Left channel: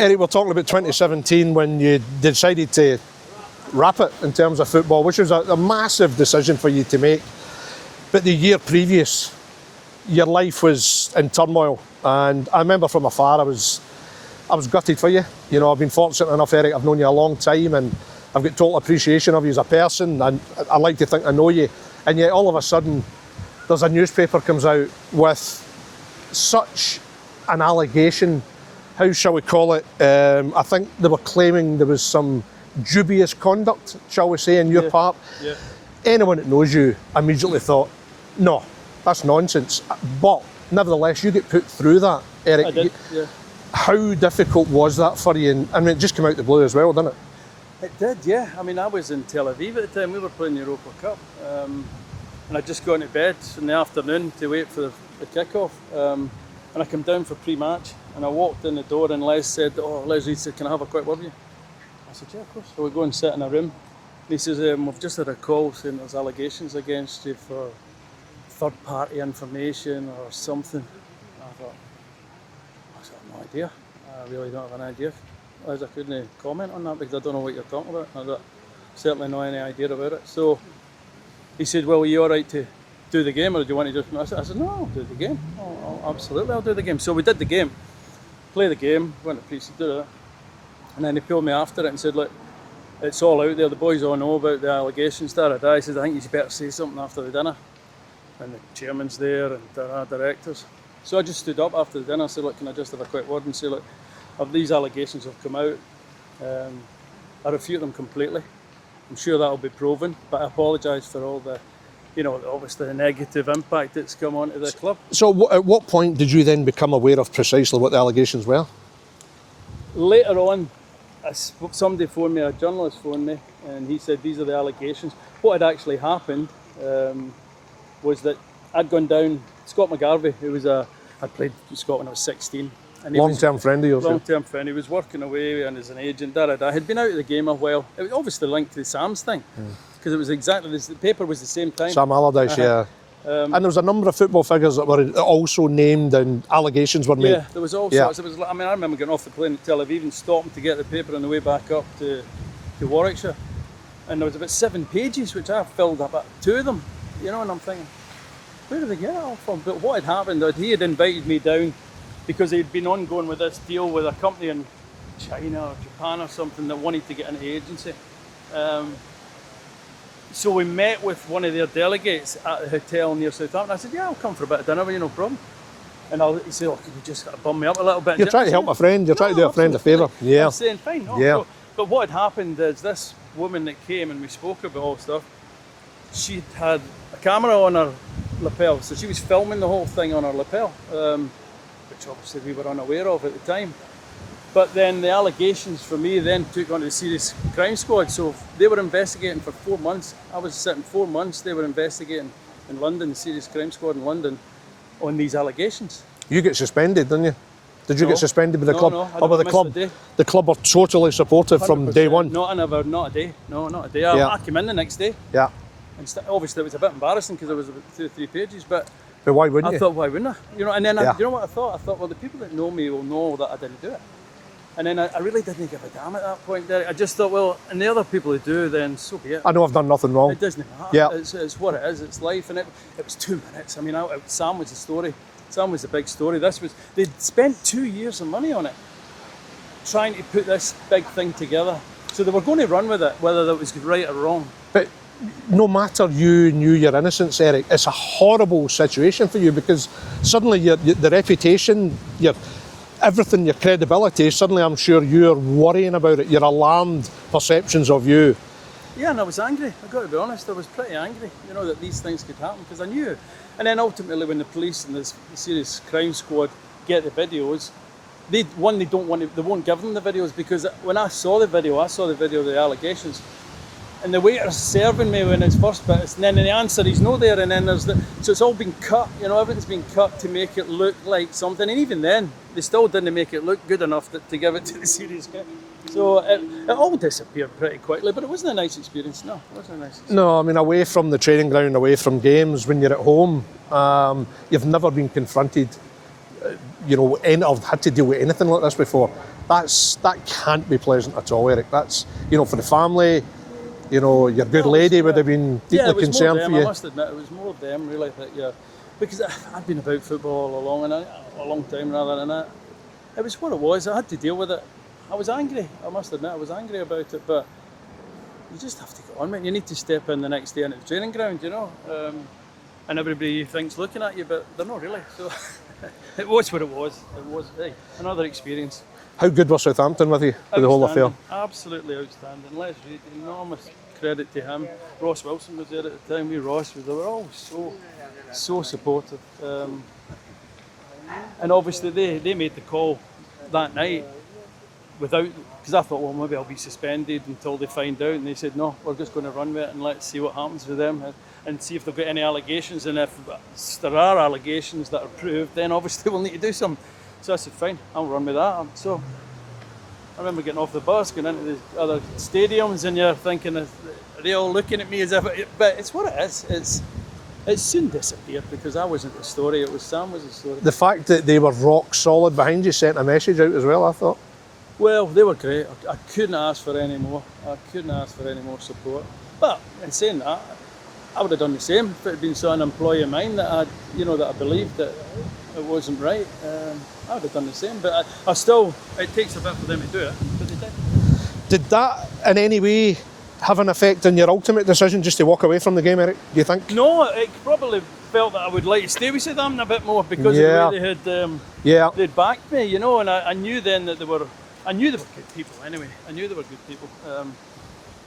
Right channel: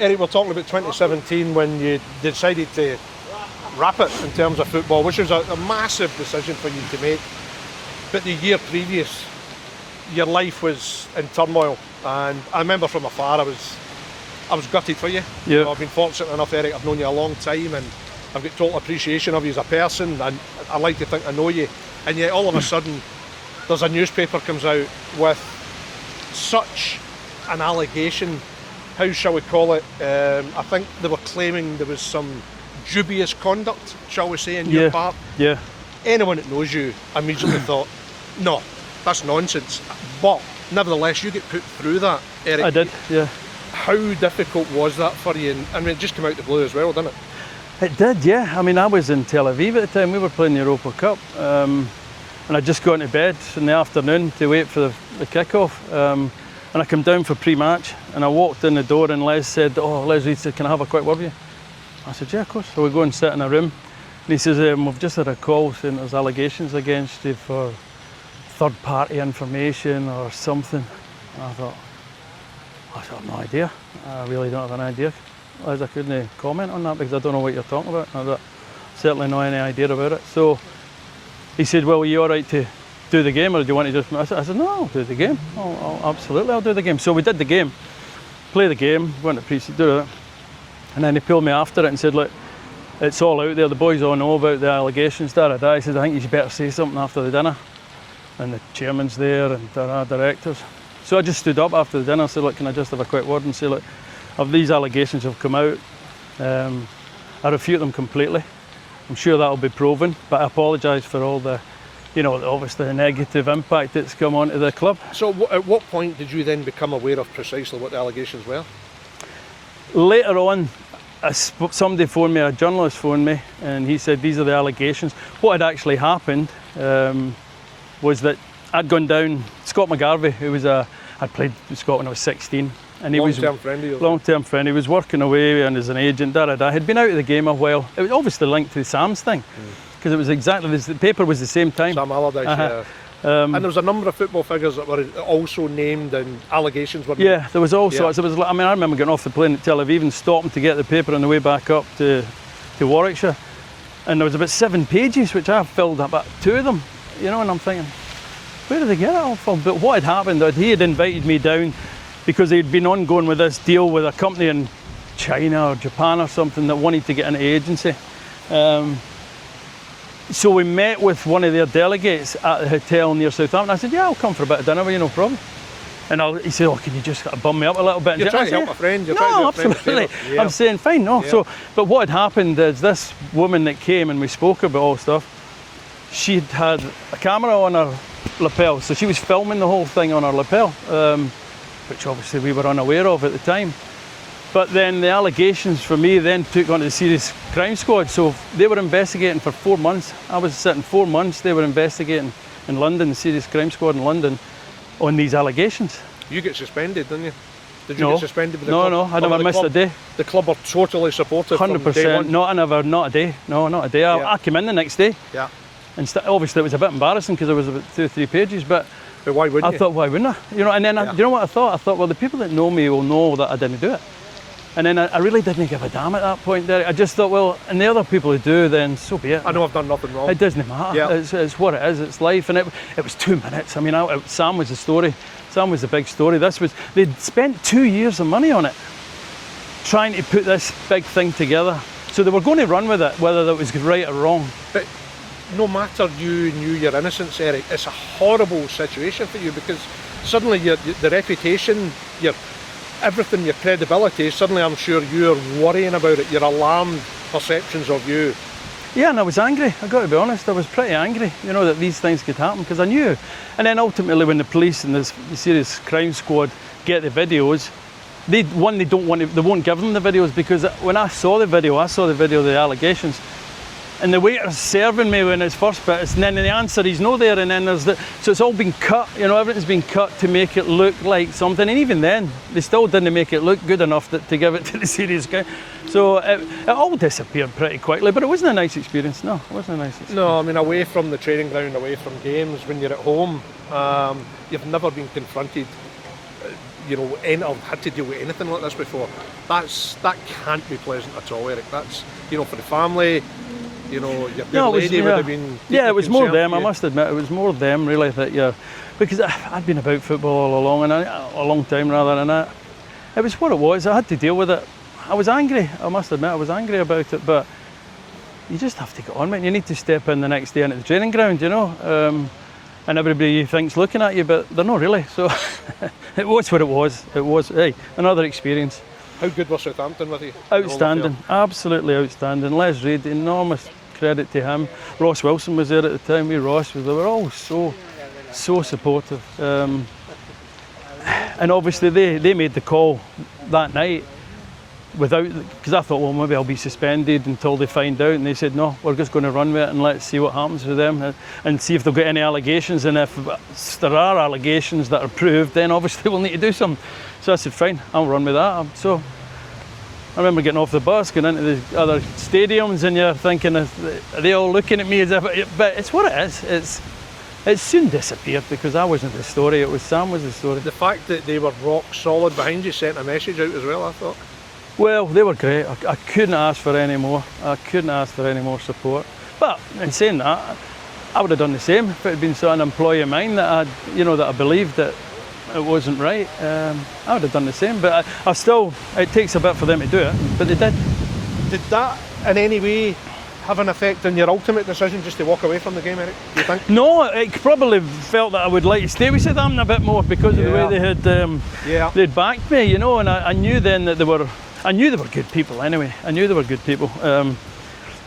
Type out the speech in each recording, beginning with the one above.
Eric, we're talking about 2017 when you decided to wrap it in terms of football, which was a massive decision for you to make. But the year previous, your life was in turmoil, and I remember from afar I was gutted for you. You know, I've been fortunate enough, Eric, I've known you a long time, and I've got total appreciation of you as a person, and I like to think I know you. And yet all of a sudden, there's a newspaper comes out with such an allegation. How shall we call it? I think they were claiming there was some dubious conduct, shall we say, in your part. Yeah. Anyone that knows you immediately thought, no, that's nonsense. But nevertheless, you get put through that, Eric. I did, yeah. How difficult was that for you? And, I mean, it just came out the blue as well, didn't it? It did, yeah. I mean, I was in Tel Aviv at the time. We were playing the Europa Cup. And I'd just gone to bed in the afternoon to wait for the kick-off. And I came down for pre-match, and I walked in the door, and Les said, "Oh, Les Reed said, can I have a quick word with you?" I said, "Yeah, of course." So we go and sit in a room, and he says, "We've just had a call saying there's allegations against you for third-party information or something." And I thought, I have no idea. I really don't have an idea. Les, I couldn't comment on that because I don't know what you're talking about. I got certainly no any idea about it. So he said, "Well, are you all right to do the game, or do you want to just..." I said, "No, I'll do the game. Absolutely, I'll do the game." So we did the game, play the game, went to pre-season, do it. And then he pulled me after it and said, "Look, it's all out there, the boys all know about the allegations." He said, "I think you should better say something after the dinner." And the chairman's there and our directors. So I just stood up after the dinner and said, "Look, can I just have a quick word and say, look, of these allegations have come out, I refute them completely. I'm sure that'll be proven, but I apologise for all the, you know, obviously the negative impact that's come onto the club." So at what point did you then become aware of precisely what the allegations were? Later on, somebody phoned me, a journalist phoned me, and he said these are the allegations. What had actually happened was that I'd gone down, Scott McGarvey, who was I'd played with Scott when I was 16. And he long-term friend of yours? Long-term friend. He was working away and as an agent, He'd been out of the game a while. It was obviously linked to the Sam's thing, because it was exactly, the paper was the same time. Sam Allardyce, yeah. And there was a number of football figures that were also named and allegations were made. Yeah, there was all sorts. I remember getting off the plane at Tel Aviv and stopping to get the paper on the way back up to Warwickshire. And there was about 7 pages, which I filled about 2 of them, you know, and I'm thinking, where did they get it all from? But what had happened, that he had invited me down because he'd been ongoing with this deal with a company in China or Japan or something that wanted to get into agency. So we met with one of their delegates at the hotel near Southampton. I said, "Yeah, I'll come for a bit of dinner with you, no problem." And he said, "Oh, can you just bum me up a little bit?" You're trying to help a friend, you're trying to do a friend a favour. Yeah. I'm saying, fine, no. Yeah. So, but what had happened is this woman that came and we spoke about all stuff, she'd had a camera on her lapel, so she was filming the whole thing on her lapel, which obviously we were unaware of at the time. But then the allegations for me then took on to the Serious Crime Squad, so they were investigating for 4 months. I was sitting 4 months, they were investigating in London, the Serious Crime Squad in London, on these allegations. You get suspended, didn't you? Did you get suspended with the club? No, I never missed a day. The club were totally supportive 100%, from day one? Not a day. No, not a day. I came in the next day. Yeah. And obviously it was a bit embarrassing because there was about 2 or 3 pages, but why wouldn't you? I thought, why wouldn't I? You know, and then you know what I thought? I thought, well, the people that know me will know that I didn't do it. And then I really didn't give a damn at that point, Derek. I just thought, well, and the other people who do, then so be it. I know I've done nothing wrong. It doesn't matter. Yeah. It's what it is. It's life. And it was 2 minutes. I mean, Sam was the story. Sam was the big story. They'd spent 2 years of money on it, trying to put this big thing together. So they were going to run with it, whether that was right or wrong. But no matter you knew your innocence, Eric, it's a horrible situation for you because suddenly the reputation, everything, your credibility, suddenly I'm sure you're worrying about it. You're alarmed perceptions of you. Yeah, and I was angry. I've got to be honest, I was pretty angry, you know, that these things could happen because I knew. And then ultimately when the police and the Serious Crime Squad get the videos, they won't give them the videos because when I saw the video of the allegations, and the waiter's serving me when his first bit, and then the answer he's no there, and then so it's all been cut, you know, everything's been cut to make it look like something, and even then, they still didn't make it look good enough to give it to the Serious Guy. So it all disappeared pretty quickly, but it wasn't a nice experience, no, it wasn't a nice experience. No, I mean, away from the training ground, away from games, when you're at home, you've never been confronted, you know, I've had to deal with anything like this before. That can't be pleasant at all, Eric. That's, you know, for the family, you know, your good lady would have been deeply it was more concerned them. for you. I must admit, it was more them really because I'd been about football all along, and a long time rather, and it was what it was. I had to deal with it. I was angry. I must admit, I was angry about it, but you just have to get on with it. You need to step in the next day into the training ground, you know. And everybody you think's looking at you, but they're not really. So it was what it was. It was, hey, another experience. How good was Southampton with you? Outstanding, absolutely outstanding. Les Reid, enormous credit to him. Ross Wilson was there at the time. They were all so supportive. And obviously they made the call that night because I thought, well, maybe I'll be suspended until they find out, and they said, no, we're just going to run with it and let's see what happens with them and see if they've got any allegations, and if there are allegations that are proved, then obviously we'll need to do something. So I said, fine, I'll run with that. So I remember getting off the bus, going into the other stadiums, and you're thinking, are they all looking at me as if, but it's what it is. It soon disappeared because I wasn't the story, Sam was the story. The fact that they were rock solid behind you sent a message out as well, I thought. Well, they were great. I couldn't ask for any more. I couldn't ask for any more support. But in saying that, I would have done the same if it had been an employee of mine that I believed that it wasn't right. I would have done the same. But it takes a bit for them to do it, but they did. Did that in any way have an effect on your ultimate decision just to walk away from the game, Eric, do you think? No, it probably felt that I would like to stay with Southampton a bit more because of the way they'd backed me, you know, and I knew then that they were good people anyway. I knew they were good people.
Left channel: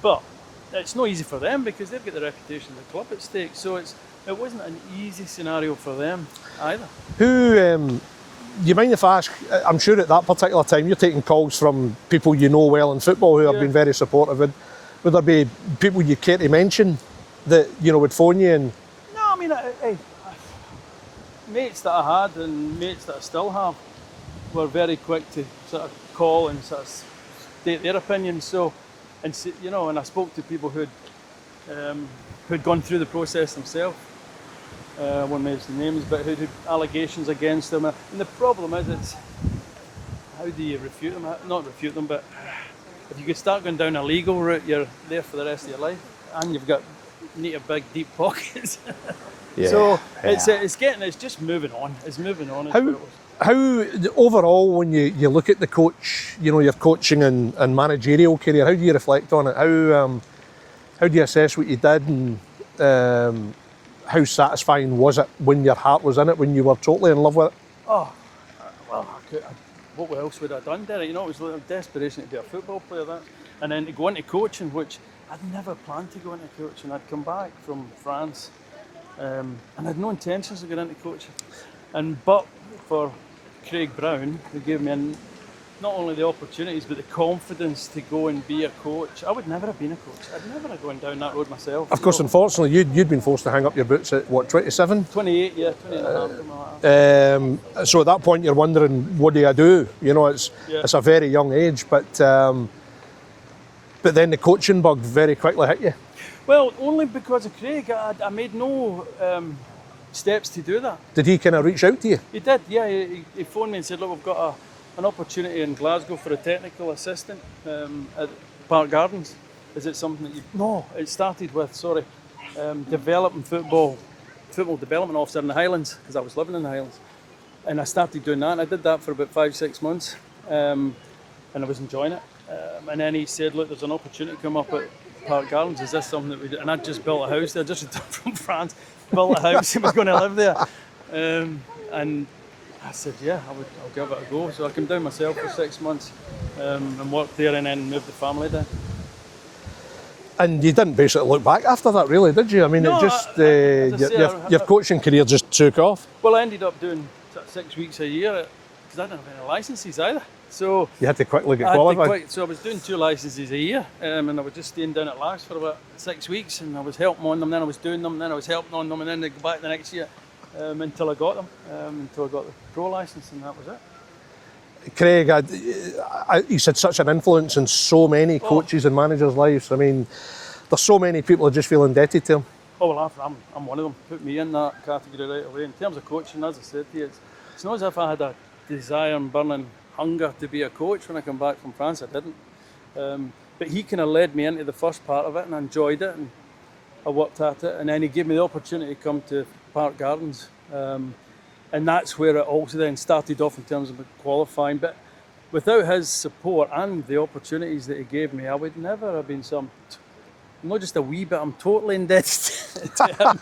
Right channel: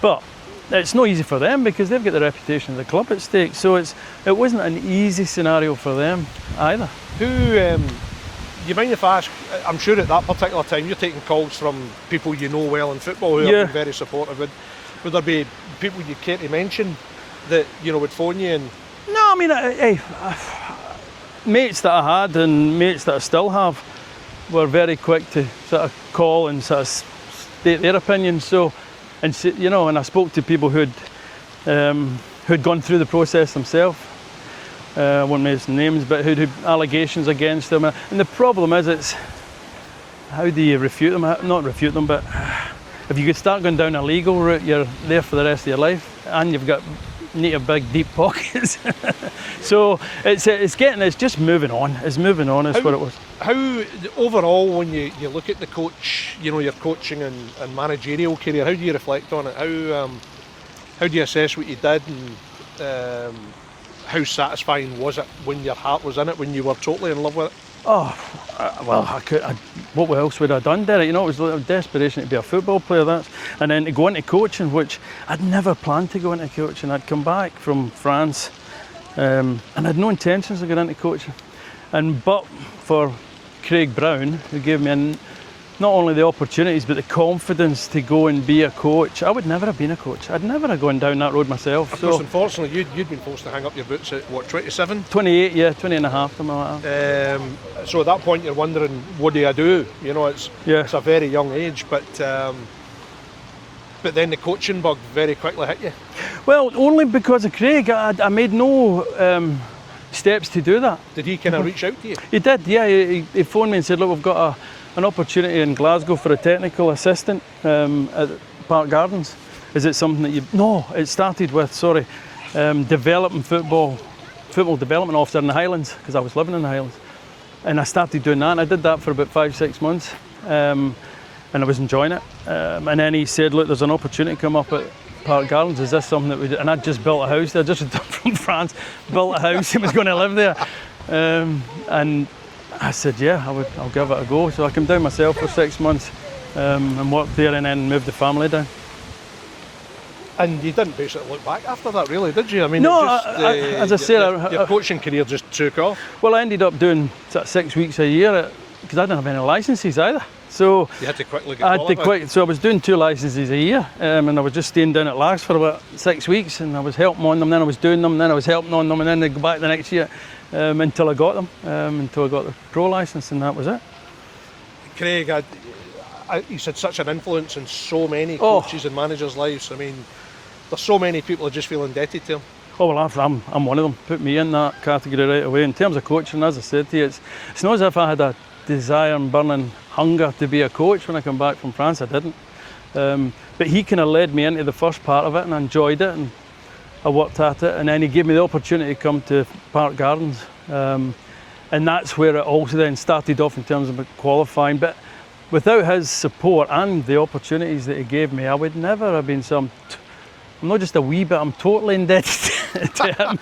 But it's not easy for them because they've got the reputation of the club at stake. So it wasn't an easy scenario for them either. You mind if I ask, I'm sure at that particular time you're taking calls from people you know well in football who have been very supportive. Would there be people you care to mention that, you know, would phone you? And no, I mean, mates that I had and mates that I still have were very quick to sort of call and sort of state their opinion. So, and you know, and I spoke to people who'd gone through the process themselves. I won't mention names, but who'd had allegations against them. And the problem is, it's how do you refute them? Not refute them, but if you could start going down a legal route, you're there for the rest of your life, and you've got need a big deep pockets. So it's just moving on. It's moving on is what it was. How overall, when you look at the coach, you know, your coaching and managerial career, how do you reflect on it? How do you assess what you did, and how satisfying was it when your heart was in it, when you were totally in love with it? Oh, well, what else would I have done, Derek? You know, it was a desperation to be a football player, and then to go into coaching, which I'd never planned to go into coaching. I'd come back from France, and I had no intentions of going into coaching. But for Craig Brown, who gave me not only the opportunities but the confidence to go and be a coach, I would never have been a coach. I'd never have gone down that road myself. Of course, unfortunately, you'd been forced to hang up your boots at, what, 27? 28, 20 and a half, something like that. So at that point you're wondering, what do I do? You know, it's a very young age, but then the coaching bug very quickly hit you. Well, only because of Craig. I made no steps to do that. Did he kind of reach out to you? He did, yeah. He phoned me and said, look, we've got an opportunity in Glasgow for a technical assistant at Park Gardens. Is it something that you... No, it started with, developing football development officer in the Highlands, because I was living in the Highlands. And I started doing that, and I did that for about 5-6 months. And I was enjoying it. And then he said, look, there's an opportunity come up at Park Gardens. Is this something that we do? And I'd just built a house there, just returned from France, built a house, and was going to live there. And I said, yeah, I'll give it a go. So I came down myself for 6 months and worked there, and then moved the family down. And you didn't basically look back after that, really, did you? I mean, no, it just, as I said, your coaching career just took off. Well, I ended up doing 6 weeks a year because I didn't have any licences either. So you had to quickly get qualified. So I was doing 2 licences a year, and I was just staying down at Lags for about 6 weeks, and I was helping on them, then I was doing them, then I was helping on them, and then they go back the next year until I got them, until I got the pro licence, and that was it. Craig, he's had such an influence in so many coaches and managers' lives. I mean, there's so many people who just feel indebted to him. Oh, well, I'm one of them. Put me in that category right away. In terms of coaching, as I said to you, it's not as if I had a desire and burning hunger to be a coach when I come back from France. I didn't. But he kind of led me into the first part of it, and I enjoyed it, and I worked at it, and then he gave me the opportunity to come to Park Gardens. And that's where it also then started off in terms of qualifying. But without his support and the opportunities that he gave me, I would never have been I'm not just a wee bit, I'm totally indebted to him.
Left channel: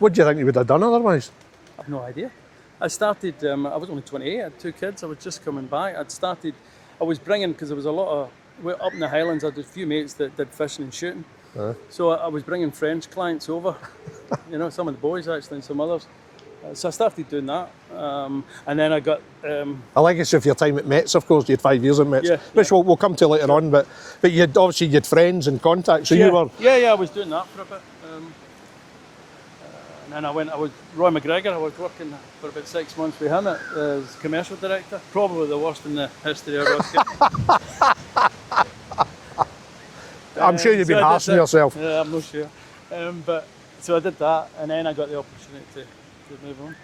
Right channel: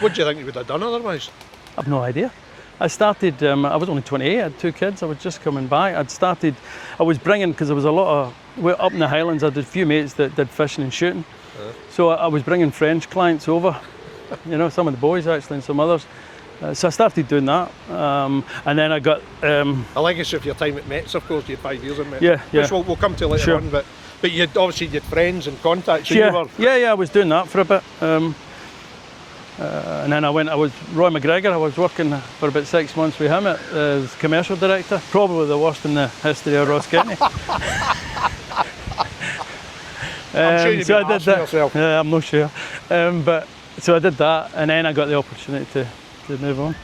What do you think you would have done otherwise? I've no idea. I started, I was only 28, I had 2 kids, I was just coming back. I was bringing, because there was a lot of, we're up in the Highlands, I had a few mates that did fishing and shooting. So I was bringing French clients over, some of the boys actually and some others. So I started doing that, and then I got... A legacy of your time at Mets, of course. You had 5 years at Mets, yeah. which we'll come to later on, but you had friends and contacts, and you were... Yeah, I was doing that for a bit. And then I was Roy McGregor. I was working for about 6 months with him as commercial director, probably the worst in the history of Roskilde. I'm sure you've been asking yourself. Yeah, I'm not sure. So I did that, and then I got the opportunity to move on.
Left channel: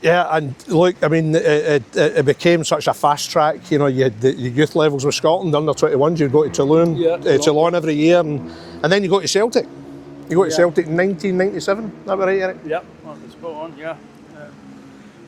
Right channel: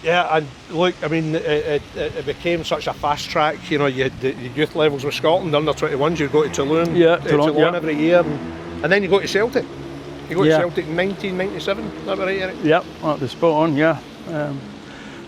Yeah, and look, I mean, it became such a fast track. You had the youth levels with Scotland, under 21s. You go to Toulon, Toulon every year, and then you go to Celtic. You go to Celtic in 1997. Is that right, Eric? Yeah, that was spot on. Yeah,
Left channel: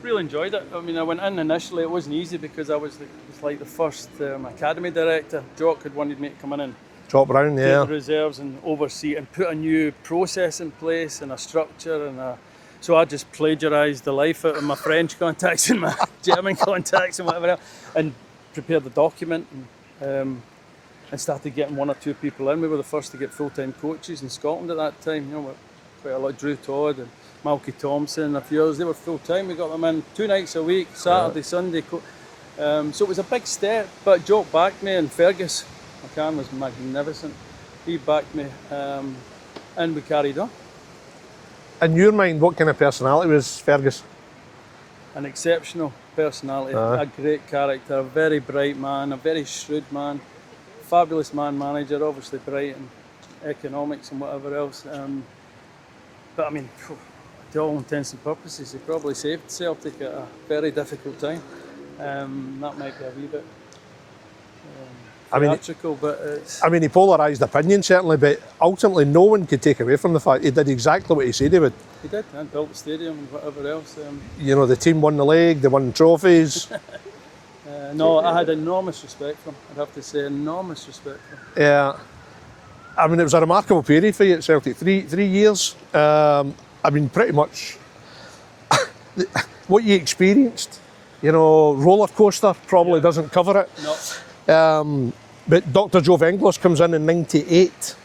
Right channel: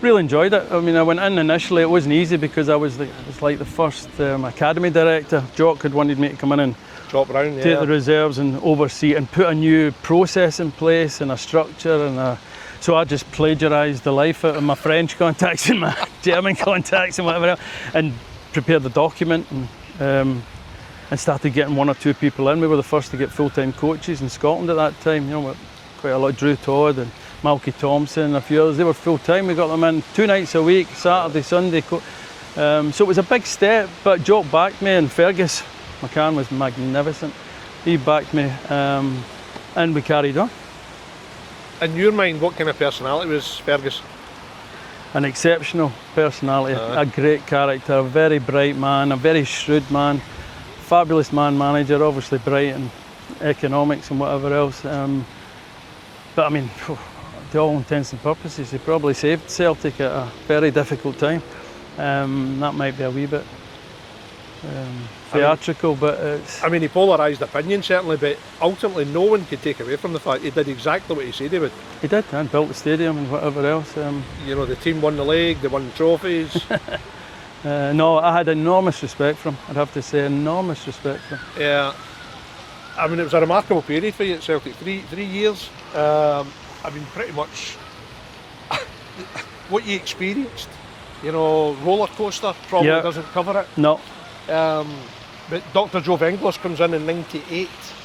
really enjoyed it. I mean, I went in initially. It wasn't easy because I was like the first academy director. Jock had wanted me to come in and Jock Brown, take the reserves and oversee and put a new process in place and a structure and so I just plagiarised the life out of my French contacts and my German contacts and whatever else, and prepared the document and started getting 1 or 2 people in. We were the first to get full-time coaches in Scotland at that time. Quite a lot. Drew Todd and Malky Thompson, a few others. They were full-time. We got them in 2 nights a week, Saturday, Sunday. So it was a big step, but Jock backed me, and Fergus McCann was magnificent. He backed me, and we carried on. In your mind, what kind of personality was Fergus? An exceptional personality, a great character, a very bright man, a very shrewd man, fabulous man manager, obviously bright in economics and whatever else. But I mean, to all intents and purposes, he probably saved Celtic at a very difficult time. That might be a wee bit theatrical, but it's... I mean, he polarised opinion, certainly, but ultimately no one could take away from the fact he did exactly what he said he would. He did, and built the stadium and whatever else. The team won the league, they won trophies. No, I had enormous respect for him, I'd have to say, enormous respect for him. Yeah. I mean, it was a remarkable period for you at Celtic. 3 years. I mean, pretty much what you experienced, roller coaster probably doesn't cover it. No. But Dr Jo Venglos comes in '98,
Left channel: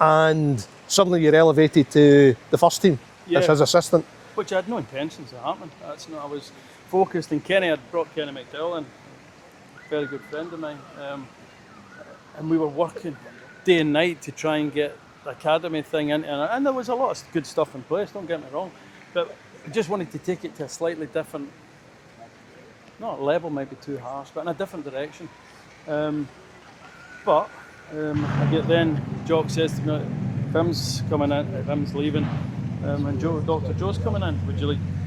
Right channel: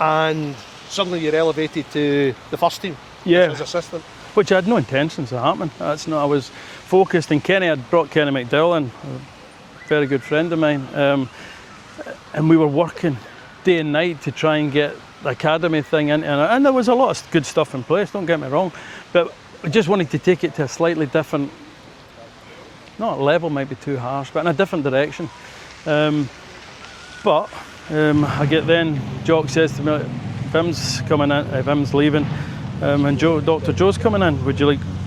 and suddenly you're elevated to the first team as his assistant. Which I had no intentions of happening. That's not. I was focused, and Kenny had brought Kenny McDowell in, a very good friend of mine, and we were working day and night to try and get the academy thing in, and there was a lot of good stuff in place. Don't get me wrong, but I just wanted to take it to a slightly different, not level, maybe too harsh, but in a different direction. But I get then, Jock says to me, Vim's coming in, Vim's leaving, and Dr Jo's coming in,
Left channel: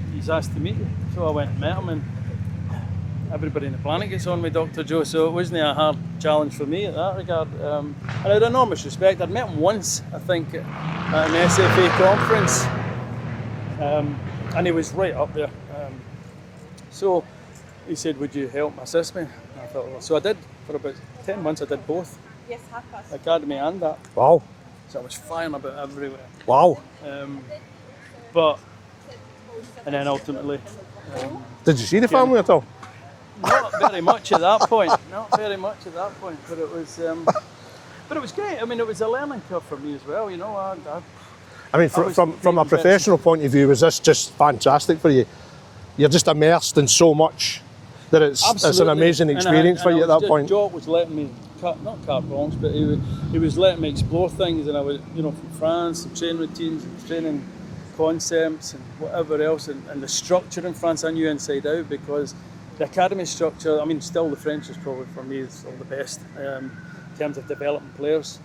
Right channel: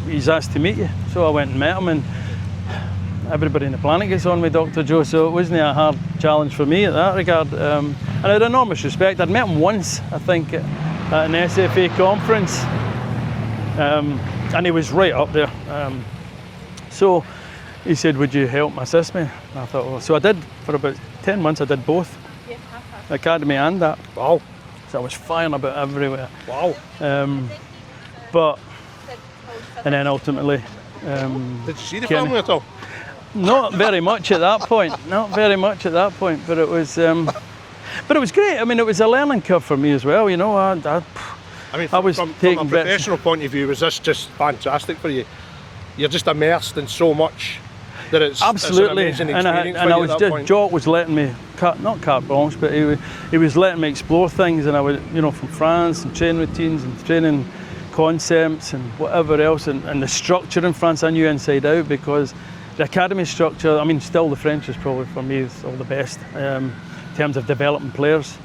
he's asked to meet you. So I went and met him, and everybody in the planet gets on with Dr Jo, so it wasn't a hard challenge for me at that regard. And I had enormous respect. I'd met him once, I think, at an SFA conference, and he was right up there. So he said, would you help assist me? And I thought, well, so I did. For about 10 months I did both, the academy and that. Wow. So I was flying about everywhere. Wow. And then ultimately... did you see the family at all? Not very much at that point. Not very much at that point, but it was great. I mean, it was a learning curve for me as well, I mean, from a professional point of view, was this just fantastic for you? You're just immersed in so much that it's an amazing experience for you at that point. Jock was letting me, not carte blanche, but he was letting me explore things, and I was, from France, and training routines and training concepts and whatever else, and the structure in France I knew inside out, because the academy structure, I mean, still the French is probably for me all the best in terms of developing players.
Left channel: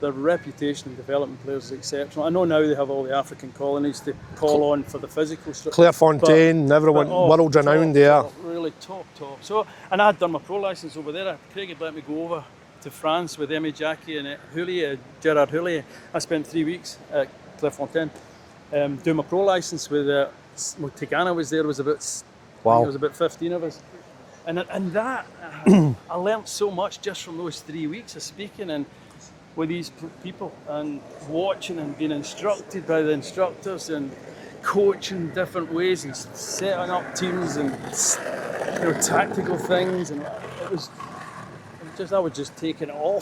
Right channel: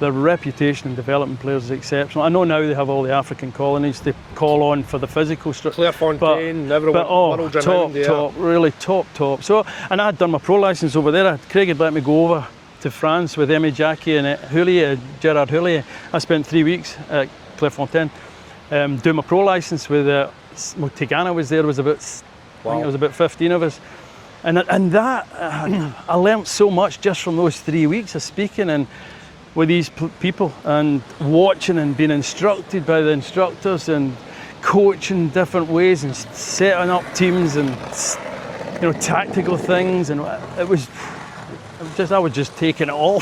the reputation in developing players is exceptional. I know now they have all the African colonies to call on for the physical structure. Clairefontaine, everyone, world renowned, top, really top. So, and I'd done my pro licence over there. Craig had let me go over to France with Aimé Jackie and Gerard Houllier. I spent 3 weeks at Clairefontaine doing my pro licence with Tigana was there. I think it was about 15 of us. And that, I learnt so much just from those 3 weeks of speaking and with these people and watching and being instructed by the instructors and coaching different ways and setting up teams and tactical things, and I was just taking it all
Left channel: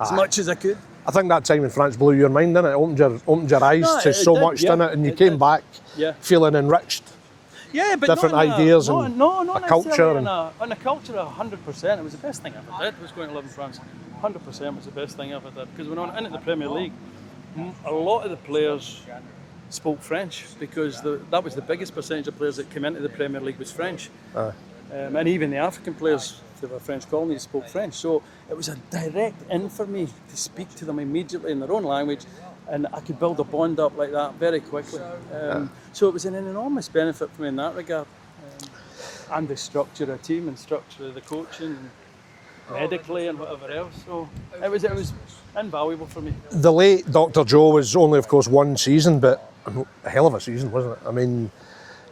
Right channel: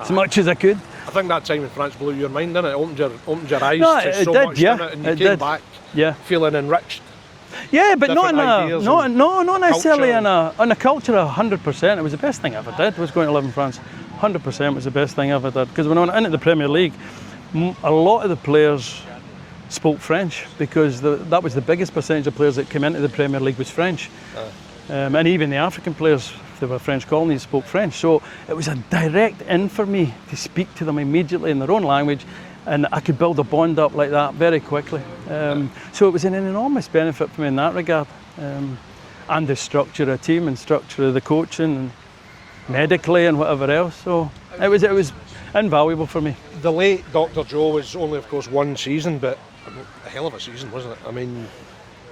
as much as I could. I think that time in France blew your mind, didn't it? Opened your eyes to so much, didn't it? And you came back feeling enriched. Yeah, but not necessarily culture. On a culture 100%. It was the best thing I ever did, was going to live in France. 100% was the best thing I ever did. Because when I went into the Premier League, a lot of the players spoke French, because that was the biggest percentage of players that came into the Premier League was French. And even the African players, they were French colonies, spoke French. So it was a direct in for me to speak to them immediately in their own language, and I could build a bond up like that very quickly. So it was an enormous benefit for me in that regard. And the structure of the team and structure of the coaching and medically and whatever else. So it was invaluable for me. The late Dr Jo was only, of course, one season, but a hell of a season, wasn't it? I mean,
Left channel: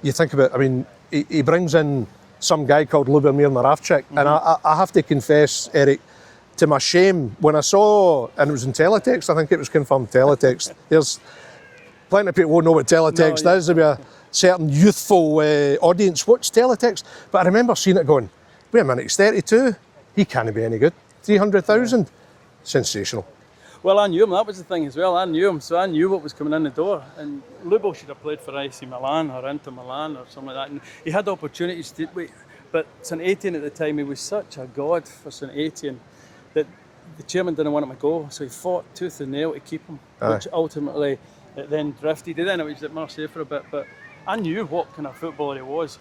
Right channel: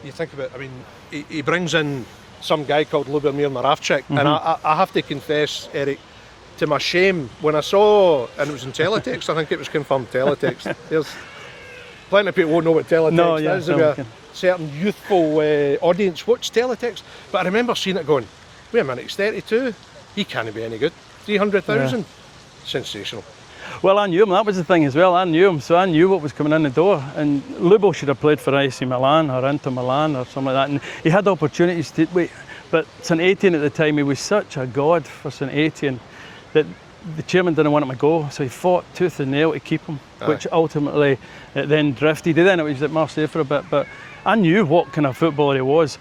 you think about it, he brings in some guy called Lubomir Moravcik, and I have to confess, Eric, to my shame, when I saw, and it was in teletext, I think it was confirmed teletext, there's plenty of people won't know what teletext is. There'll be a certain youthful audience watch teletext, but I remember seeing it going, wait a minute, he's 32, he can't be any good. 300,000, sensational. Well, I knew him, that was the thing as well, I knew him, so I knew what was coming in the door, and Lubo should have played for AC Milan or Inter Milan or something like that, and he had opportunities to, but St Etienne at the time, he was such a god for St Etienne that the chairman didn't want him to go, so he fought tooth and nail to keep him, which ultimately it then drifted. Then it was at Marseille for a bit, but I knew what kind of footballer he was.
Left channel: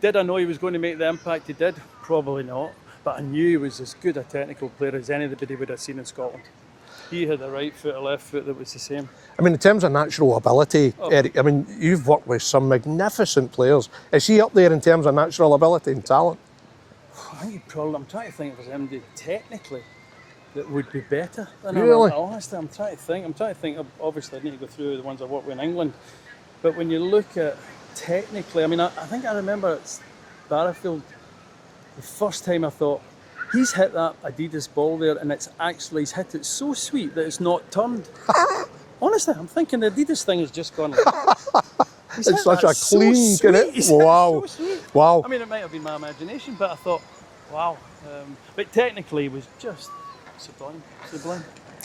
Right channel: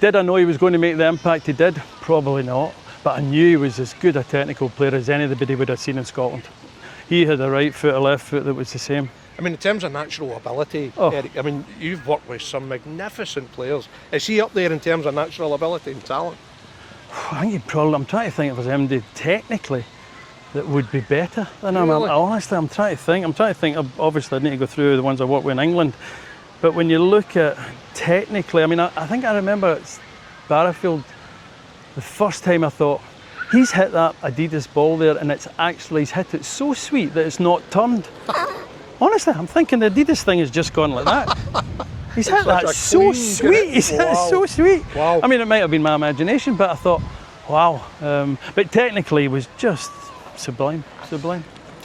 Did I know he was going to make the impact he did? Probably not, but I knew he was as good a technical player as anybody would have seen in Scotland. He had a right foot, a left foot that was the same. I mean, in terms of natural ability, Eric, I mean, you've worked with some magnificent players. Is he up there in terms of natural ability and talent? I think I'm trying to think if there's anybody technically that would be better than him. Really? Honestly, I'm trying to think. Obviously, I need to go through the ones I worked with in England. But when you look at technically, I mean, I think I remember at Barrowfield, the first time I thought, he's hit that Adidas ball there, and he's hit it so sweet that it's not turned. Honestly, I'm thinking the Adidas thing has just gone like that. He's hit that so sweet. He's hit it so sweet. Wow. I mean, it might have been my imagination, but I thought, wow. But technically, he was just sublime.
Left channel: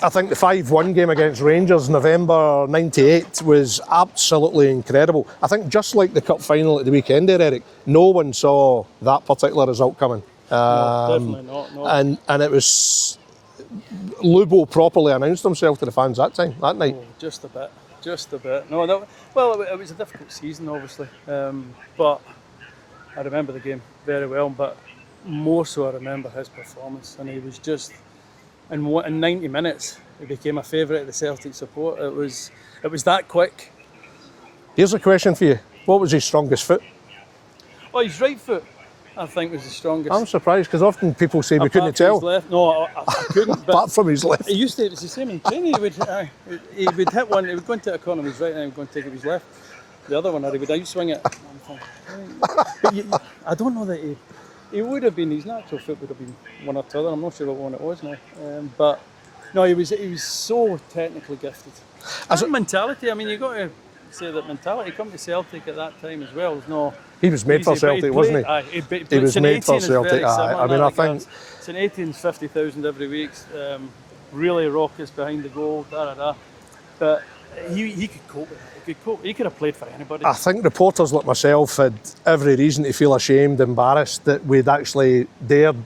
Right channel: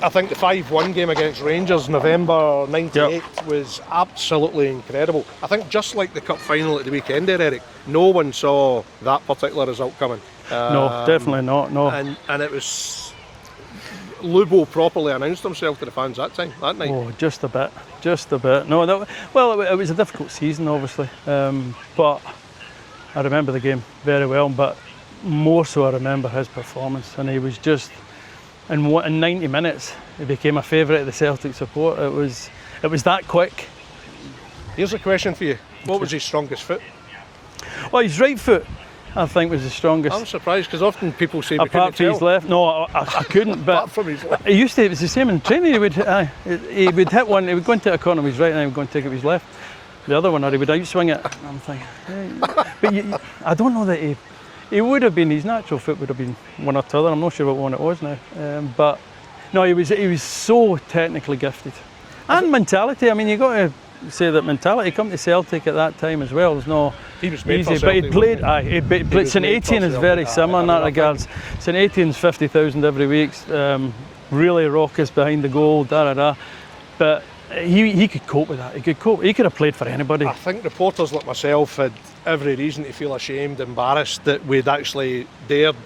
I think the 5-1 game against Rangers, November '98, was absolutely incredible. I think just like the cup final at the weekend there, Eric, no one saw that particular result coming. No, definitely not. No. And it was Lubo properly announced himself to the fans that night. Oh, just a bit. No, it was a difficult season, obviously, but I remember the game very well. But more so, I remember his performance, and he was just. In 90 minutes, he became a favourite of the Celtic support. It was that quick. Here's a question for you. What was his strongest foot? Well, his right foot, I think, was the strongest. I'm surprised, because often people say we couldn't Apart from tell. his left, no, I couldn't. But apart from his left. It was the same in training. He would hit one, he would go into a corner with his right, and he would go and take it with his left. The other one, or he would outswing it. And I'm thinking, but I don't know that he would have been, his natural foot would have been one or the other. I'm not sure what one it was now. But no, he was so technically gifted. And mentality, I mean, you got to say that mentality, come to Celtic at that time as well, was no He was made easy, for Celtic, but he played, but St Etienne is very similar in that regard. St Etienne's 50,000 every week, really raucous behind the goal, but he could cope with that. He could have played for anybody. I think reporters like myself had every reason to feel ashamed, embarrassed that we'd actually dared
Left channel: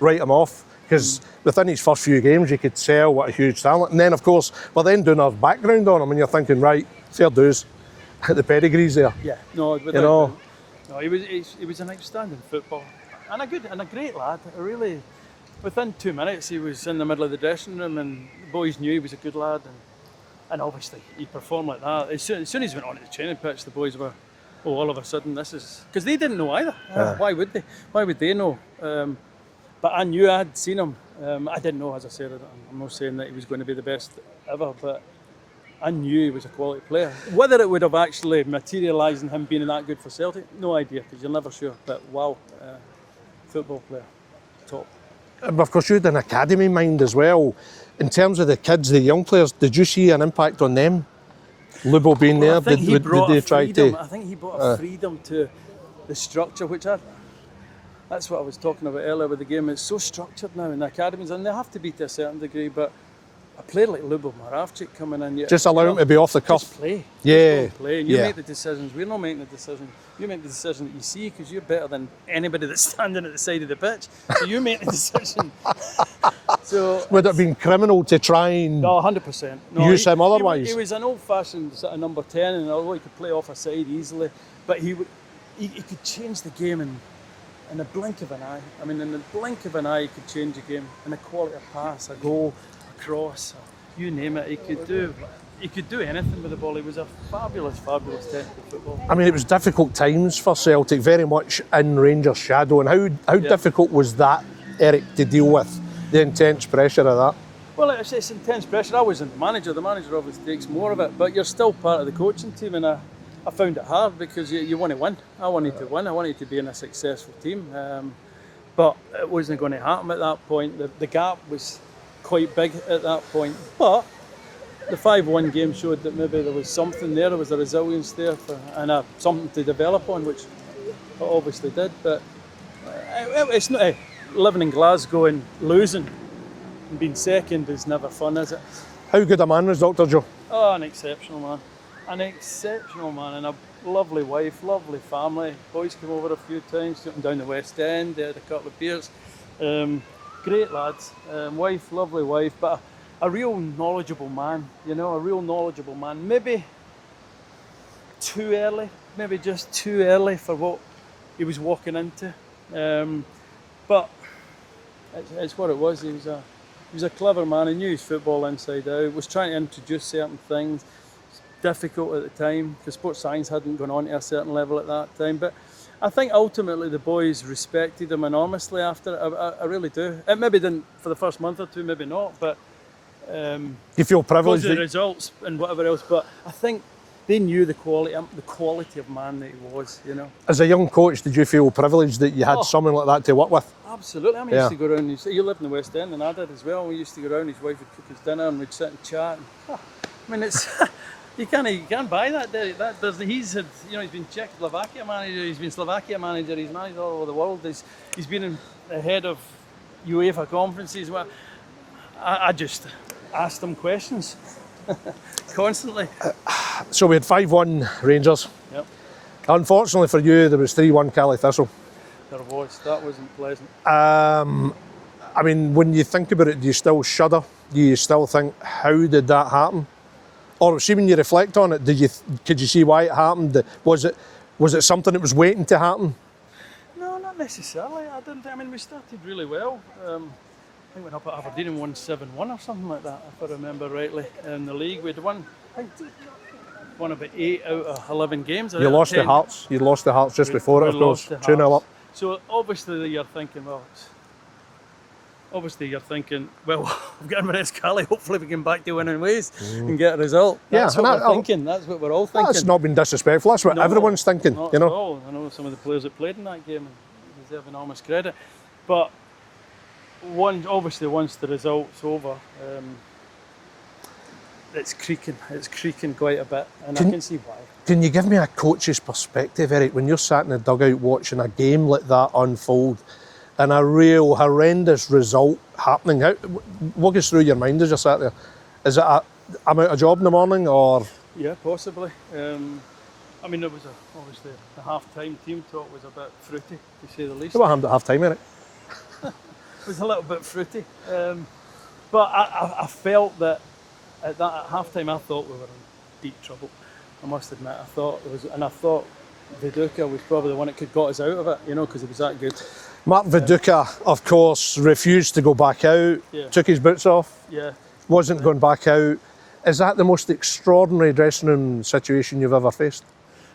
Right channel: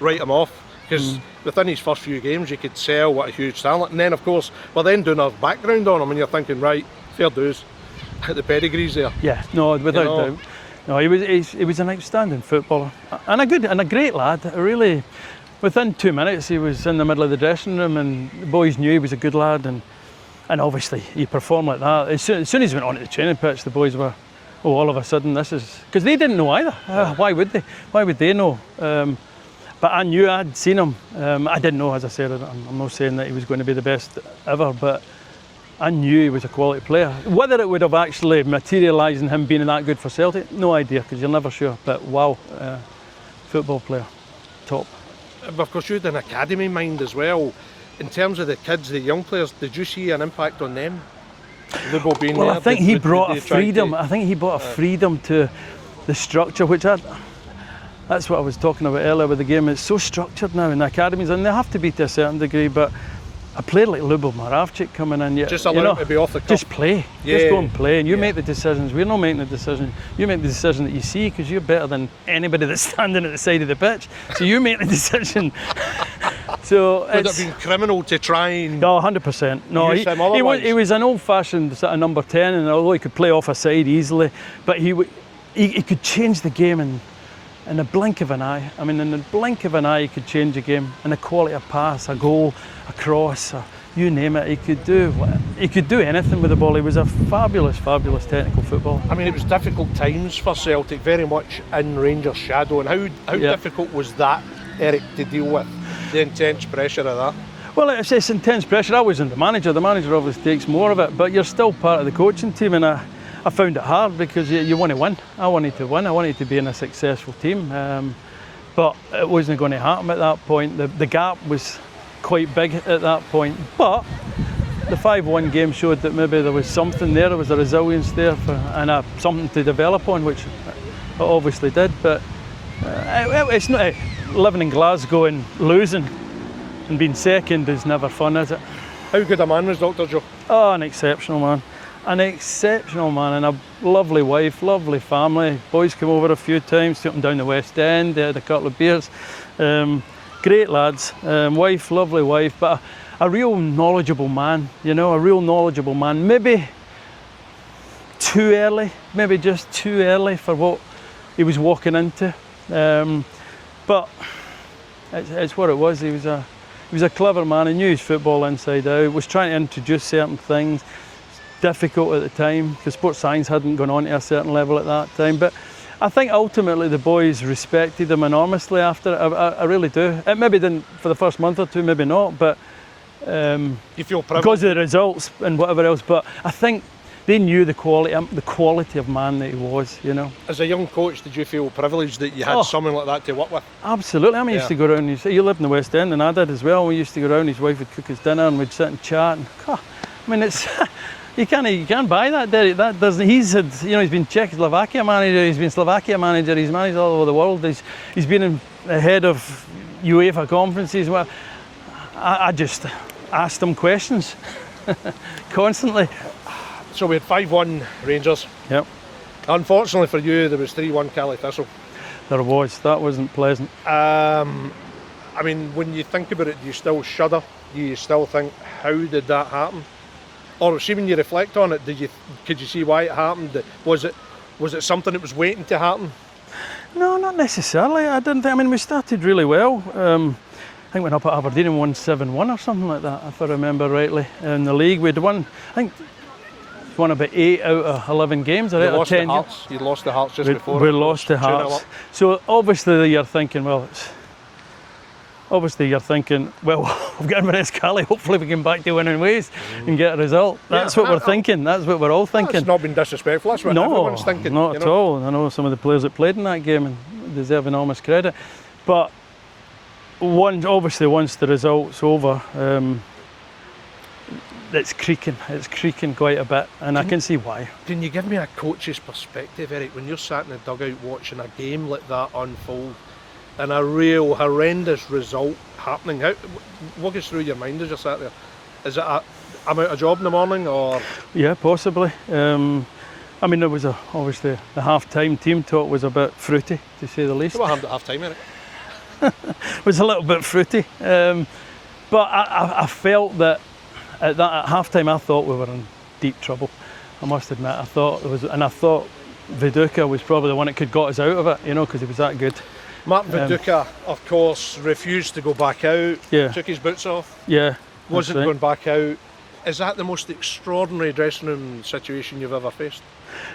write him off, because within his first few games you could tell what a huge talent. And then, of course, we're then doing our background on him, and you're thinking, right, fair dues, the pedigree's there. Yeah, no, without doubt. No, he was an outstanding footballer and a great lad. Really, within 2 minutes he was in the middle of the dressing room, and the boys knew he was a good lad, and obviously he performed like that. As soon as he went onto the training pitch, the boys were, oh, all of a sudden this is, because they didn't know either. Why would they? Why would they know? But I knew, I'd seen him. I didn't know, as I said, I'm not saying that he was going to be the best ever, but I knew he was a quality player. Whether it would have actually materialised in him being that good for Celtic, no idea, because you're never sure. But wow, football player, top. Of course, you had an academy mind as well. In terms of the kids, the young players, did you see an impact on them? Lubo being there? I think he brought a freedom. I think he brought a freedom to the structure, which that's what I was talking about earlier with the game. It's so structured now in the academies, and they have to be to a certain degree, but a player like Lubomir Moravcik coming in, just allow him to be off the cuff. Just play. Yeah. Just go and play, and you make the decisions. We're not making the decision. You make the decision that you see, because you're better than anybody that's standing at the side of the pitch. So you make the decision. So would it have been criminal to try and... No, 100%. No, use him otherwise? He was an old-fashioned sort of number 10, and although he could play off a side easily, but he could change the game in the blink of an eye. I mean, in the blink of an eye, he could change a game. And the quality of pass, a goal, a cross, you name it, he could do anything with the ball. He was a fabulous, fabulous technical footballer. I mean, it was difficult times for Celtic, very much in Rangers' shadow. And how difficult was that, Eric, to deal with? The intense pressure of that? Well, it's intense pressure. I wasn't the manager. The manager obviously takes more of it, but you're still part of the coaching team, and I found it hard because you want to win. I wanted to win. I wanted to be in a successful team, but it wasn't going to happen at that point. The gap was quite big at that point, but the 5-1 game showed that maybe there was something there. There was a resilience there and something to develop on, which it obviously did. But it's not living in Glasgow and losing and being second is never fun, is it? How good a man was Dr Jo? Oh, an exceptional man. An exceptional man, and a lovely wife, lovely family. Boys came over a few times, took them down the West End, they had a couple of beers. Great lads. Wife, lovely wife, but a real knowledgeable man, a real knowledgeable man. Maybe too early, maybe just too early for what he was walking into. But it's what it was. He was a clever man. He knew his football inside out. Was trying to introduce certain things. Difficult at the time because sports science hadn't gone on to a certain level at that time. But I think ultimately the boys respected him enormously after it. I really do. It maybe didn't for the first month or two, maybe not. But you feel privileged because of the results and whatever else. But I think they knew the quality of man that he was. As a young coach, did you feel privileged that you had someone like that to work with? Absolutely. I mean, used to go around. You lived in the West End, and I did as well. We used to go around. His wife would cook us dinner, and we'd sit and chat. And, I mean, it's you can't buy that, Derek. That doesn't. He's had, he's been Czechoslovakia manager. He's been Slovakia manager. He's managed all over the world. He's been ahead of UEFA conferences. Well, I just asked him questions constantly. So we had 5-1 Rangers. Yep. Unfortunately for you, there was 3-1 Caley Thistle. There was. That wasn't pleasant. I mean, when you think about it, do you still shudder? Do you still think, how did that happen? Or see, when you reflect on it, could you see why it happened? Was it something that was waiting to happen? No, not necessarily. I didn't think. I mean, we started really well. I think we went up at Aberdeen and won 7-1 or something like that, if I remember rightly. In the league, we'd won. I think won about 8 out of 11 games. You lost to Hearts. You lost to Hearts just before. We lost to Hearts. So obviously you're thinking, well, we've got Inverness Caley, hopefully we can back to winning ways and get a result. That's what we're thinking. That's what we're all thinking. That's not been disrespectful. That's what everyone's thinking. Not at all. I know some of the players that played in that game and deserve enormous credit. But obviously once the result's over, it's creaking quite a bit, and I can see why. Can you give me a coach's perspective, Eric, when you're sat in the dugout watching a game like that unfold and a real horrendous result happening? What goes through your mind as you're sat there? Is it I'm out of job in the morning, or? Yeah, possibly. I mean, there was obviously the half-time team talk was a bit fruity, to say the least. What happened at half-time, Eric? It was a little bit fruity, but I felt that at half-time I thought we were in deep trouble. I must admit, I thought Viduka was probably the one that could got us out of it, because he was that good. Mark Viduka, of course, refused to go back out, Yeah. took his boots off, Yeah. wasn't that's right. going back out. Is that the most extraordinary dressing room situation you've ever faced?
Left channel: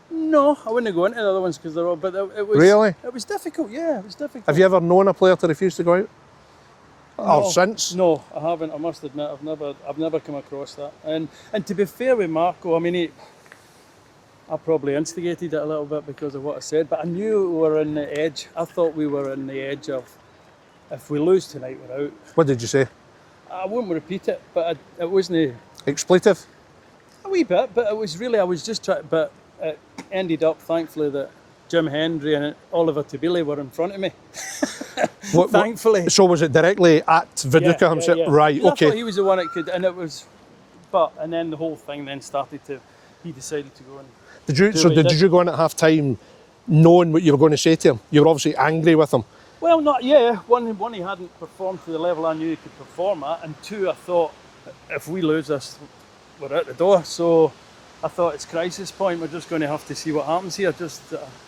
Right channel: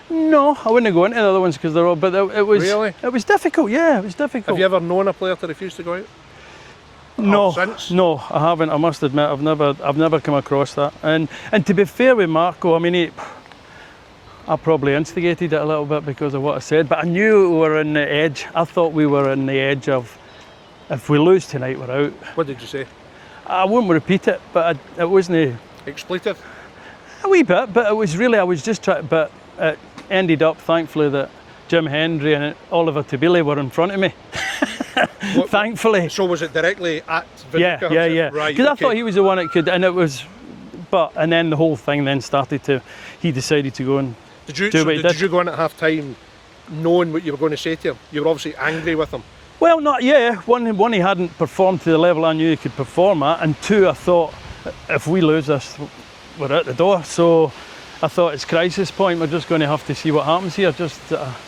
No, I wouldn't go into the other ones because they're all. But it was. Really? It was difficult. Yeah, it was difficult. Have you ever known a player to refuse to go out? No, Or since? no, I haven't. I must admit, I've never come across that. And to be fair with Marco, I mean, I probably instigated it a little bit because of what I said. But I knew we were on the edge. I thought we were on the edge of, if we lose tonight, we're out. What did you say? I won't repeat it, but it wasn't Expletive? a wee bit. But it was really, I was just trying. But it ended up, thankfully, that Jim Hendry and Oliver Tabile were in front of me. Thankfully. So was it directly at Viduka? Yeah. Right, Because okay. I thought he was the one that could, and it was, and then the whole thing then started to, he decided to go and Did you, do so what he did did. you go in at half time knowing what you were going to say to him? You were obviously angry with him. Well, not yeah. One, he hadn't performed to the level I knew he could perform at, and two, I thought if we lose this, we're out the door. So I thought it's crisis point. We're just going to have to see what happens here. Just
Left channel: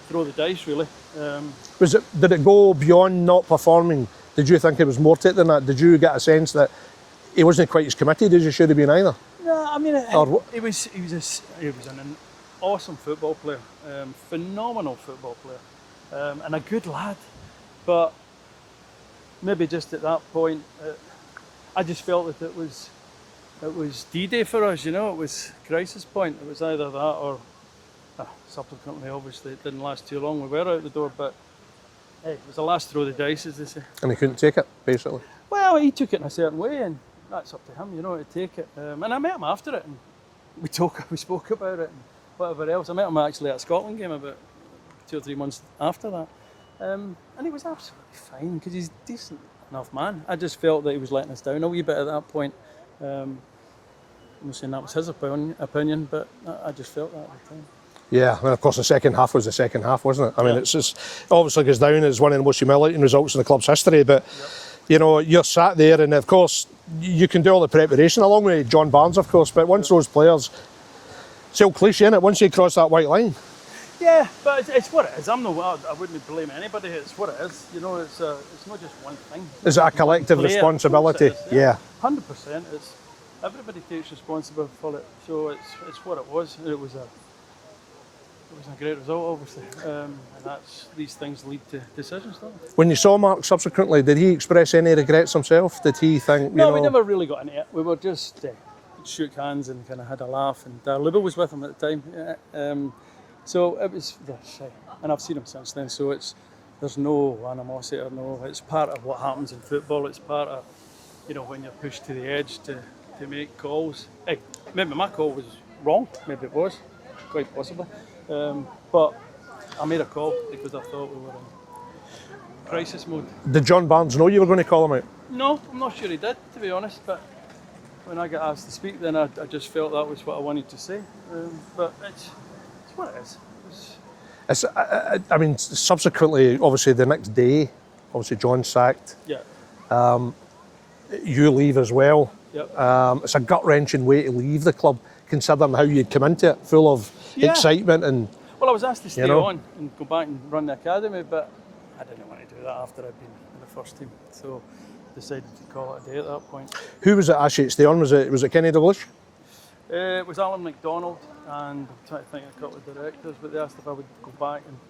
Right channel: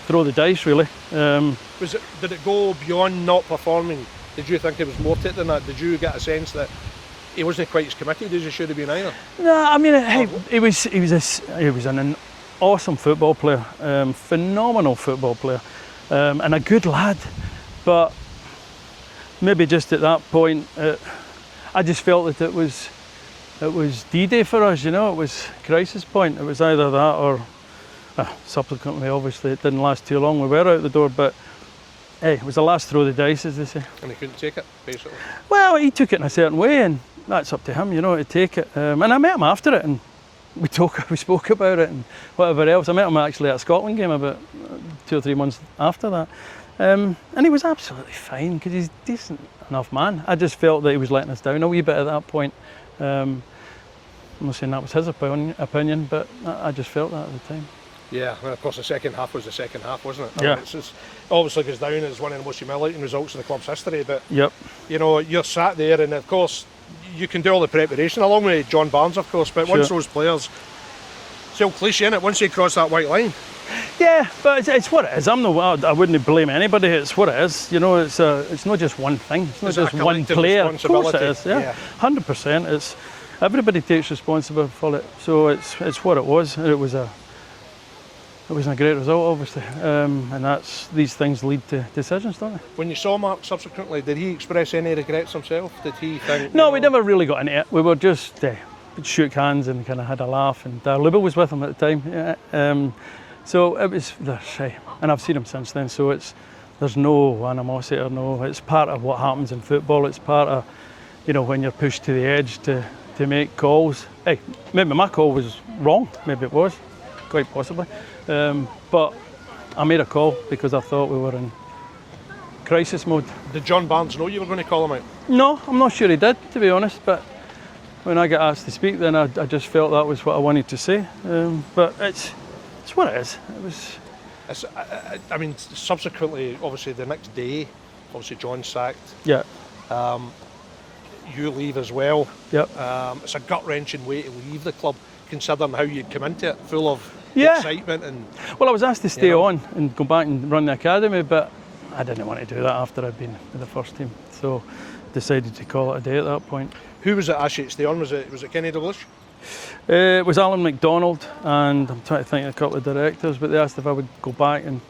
throw the dice, really. Did it go beyond not performing? Did you think it was more to it than that? Did you get a sense that he wasn't quite as committed as he should have been either? No, I mean he was an awesome football player, phenomenal football player, and a good lad. But maybe just at that point, I just felt that it was D-Day for us. You know, it was crisis point. It was either that or subsequently, obviously, it didn't last too long. We were out the door, but hey, it was the last throw of the dice, as they say. And he couldn't take it, basically. Well, he took it in a certain way, and that's up to him, you know, to take it. And I met him after it, and we spoke about it and whatever else. I met him actually at a Scotland game about 2 or 3 months after that. And he was absolutely fine because he's a decent enough man. I just felt that he was letting us down a wee bit at that point. I'm not saying that was his opinion, but I just felt that at the time. Yeah, and of course the second half was the second half, wasn't it? I Yeah. mean, it's just obviously goes down as one of the most humiliating results in the club's history. But Yep. you know, you're sat there, and of course you can do all the preparation along with John Barnes, of course. But once Sure. those players, it's all cliche, innit? Once they cross that white line, Yeah, but it's what it is. I wouldn't blame anybody. It's what it is. You know, it's not just one thing. It's not Is it a just one collective player. responsibility? Of course it is, Yeah. 100%. It's everybody takes responsibility for it. So it's what it was. It wasn't a great result, obviously, and these things lead to decisions, don't they? when you saw Mark subsequently, did he express any regrets himself? Did he think? No, you we know, never really got into it. We were just shook hands and kind of had a laugh. And Lubo was with him at the time. Yeah. So it was, and I've seen him since then. So there's no animosity or no. It's part of what happens in football. It's part of, you know, when you're pushed to the edge to make calls. Hey, maybe my call was wrong. Maybe it was, quite possibly. But I made a call because I thought we were in crisis mode. Did John Barnes know you were going to call him out? No, I'm not sure he did, to be honest. But when I got asked to speak, then I just felt that was what I wanted to say. But it's what it is. It was. I mean, subsequently, obviously the next day, obviously John's sacked. Yeah. You leave as well. Yep. It's a gut-wrenching way to leave the club, considering how you'd come into it, full of Yeah. excitement and. Well, I was asked to stay You know. on and go back and run the academy, but I didn't want to do that after I'd been with the first team. So decided to call it a day at that point. Who was it actually to stay on? Was it Kenny Dalglish? It was Alan MacDonald, and I'm trying to think of a couple of directors, but they asked if I would go back and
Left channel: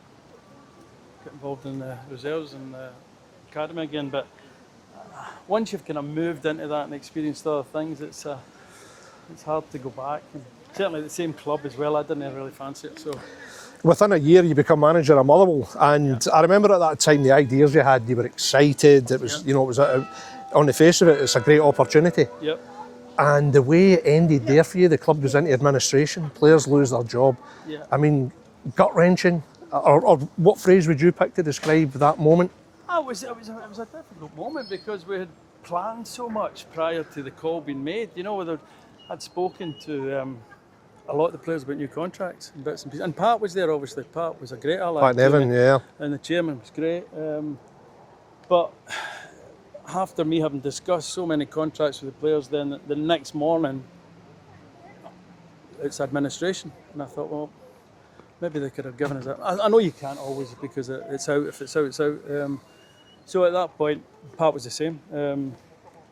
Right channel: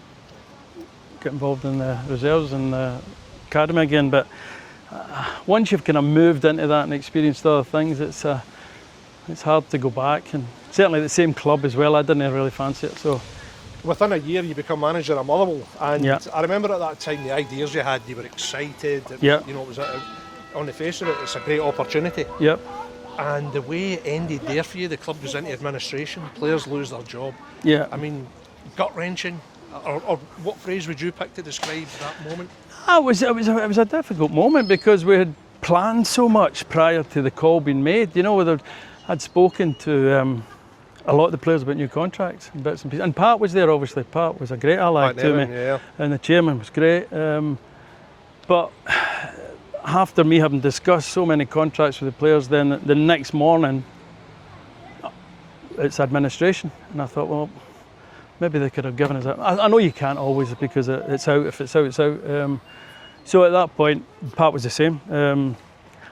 get involved in the reserves and the academy again. But once you've kind of moved into that and experienced other things, it's hard to go back. And certainly the same club as well, I didn't really fancy it. So Within a year, you become manager of Motherwell, and Yeah. I remember at that time the ideas you had. You were excited. It was, Yeah. you know, it was on the face of it, it's a great opportunity. yep. And the way it ended there for you, the club goes into administration, players lose their job. Yeah. I mean, gut-wrenching, or what phrase would you pick to describe that moment? It was a difficult moment because we had planned so much prior to the call being made. You know, I'd spoken to a lot of the players about new contracts and bits and pieces. And Pat was there, obviously. Pat was a great ally Pat to Nevin, me. yeah. And the chairman was great. But after me having discussed so many contracts with the players, then the next morning, it's administration. And I thought, well, maybe they could have given us that. I know you can't always because it's out. If it's out, it's out. So at that point, Pat was the same.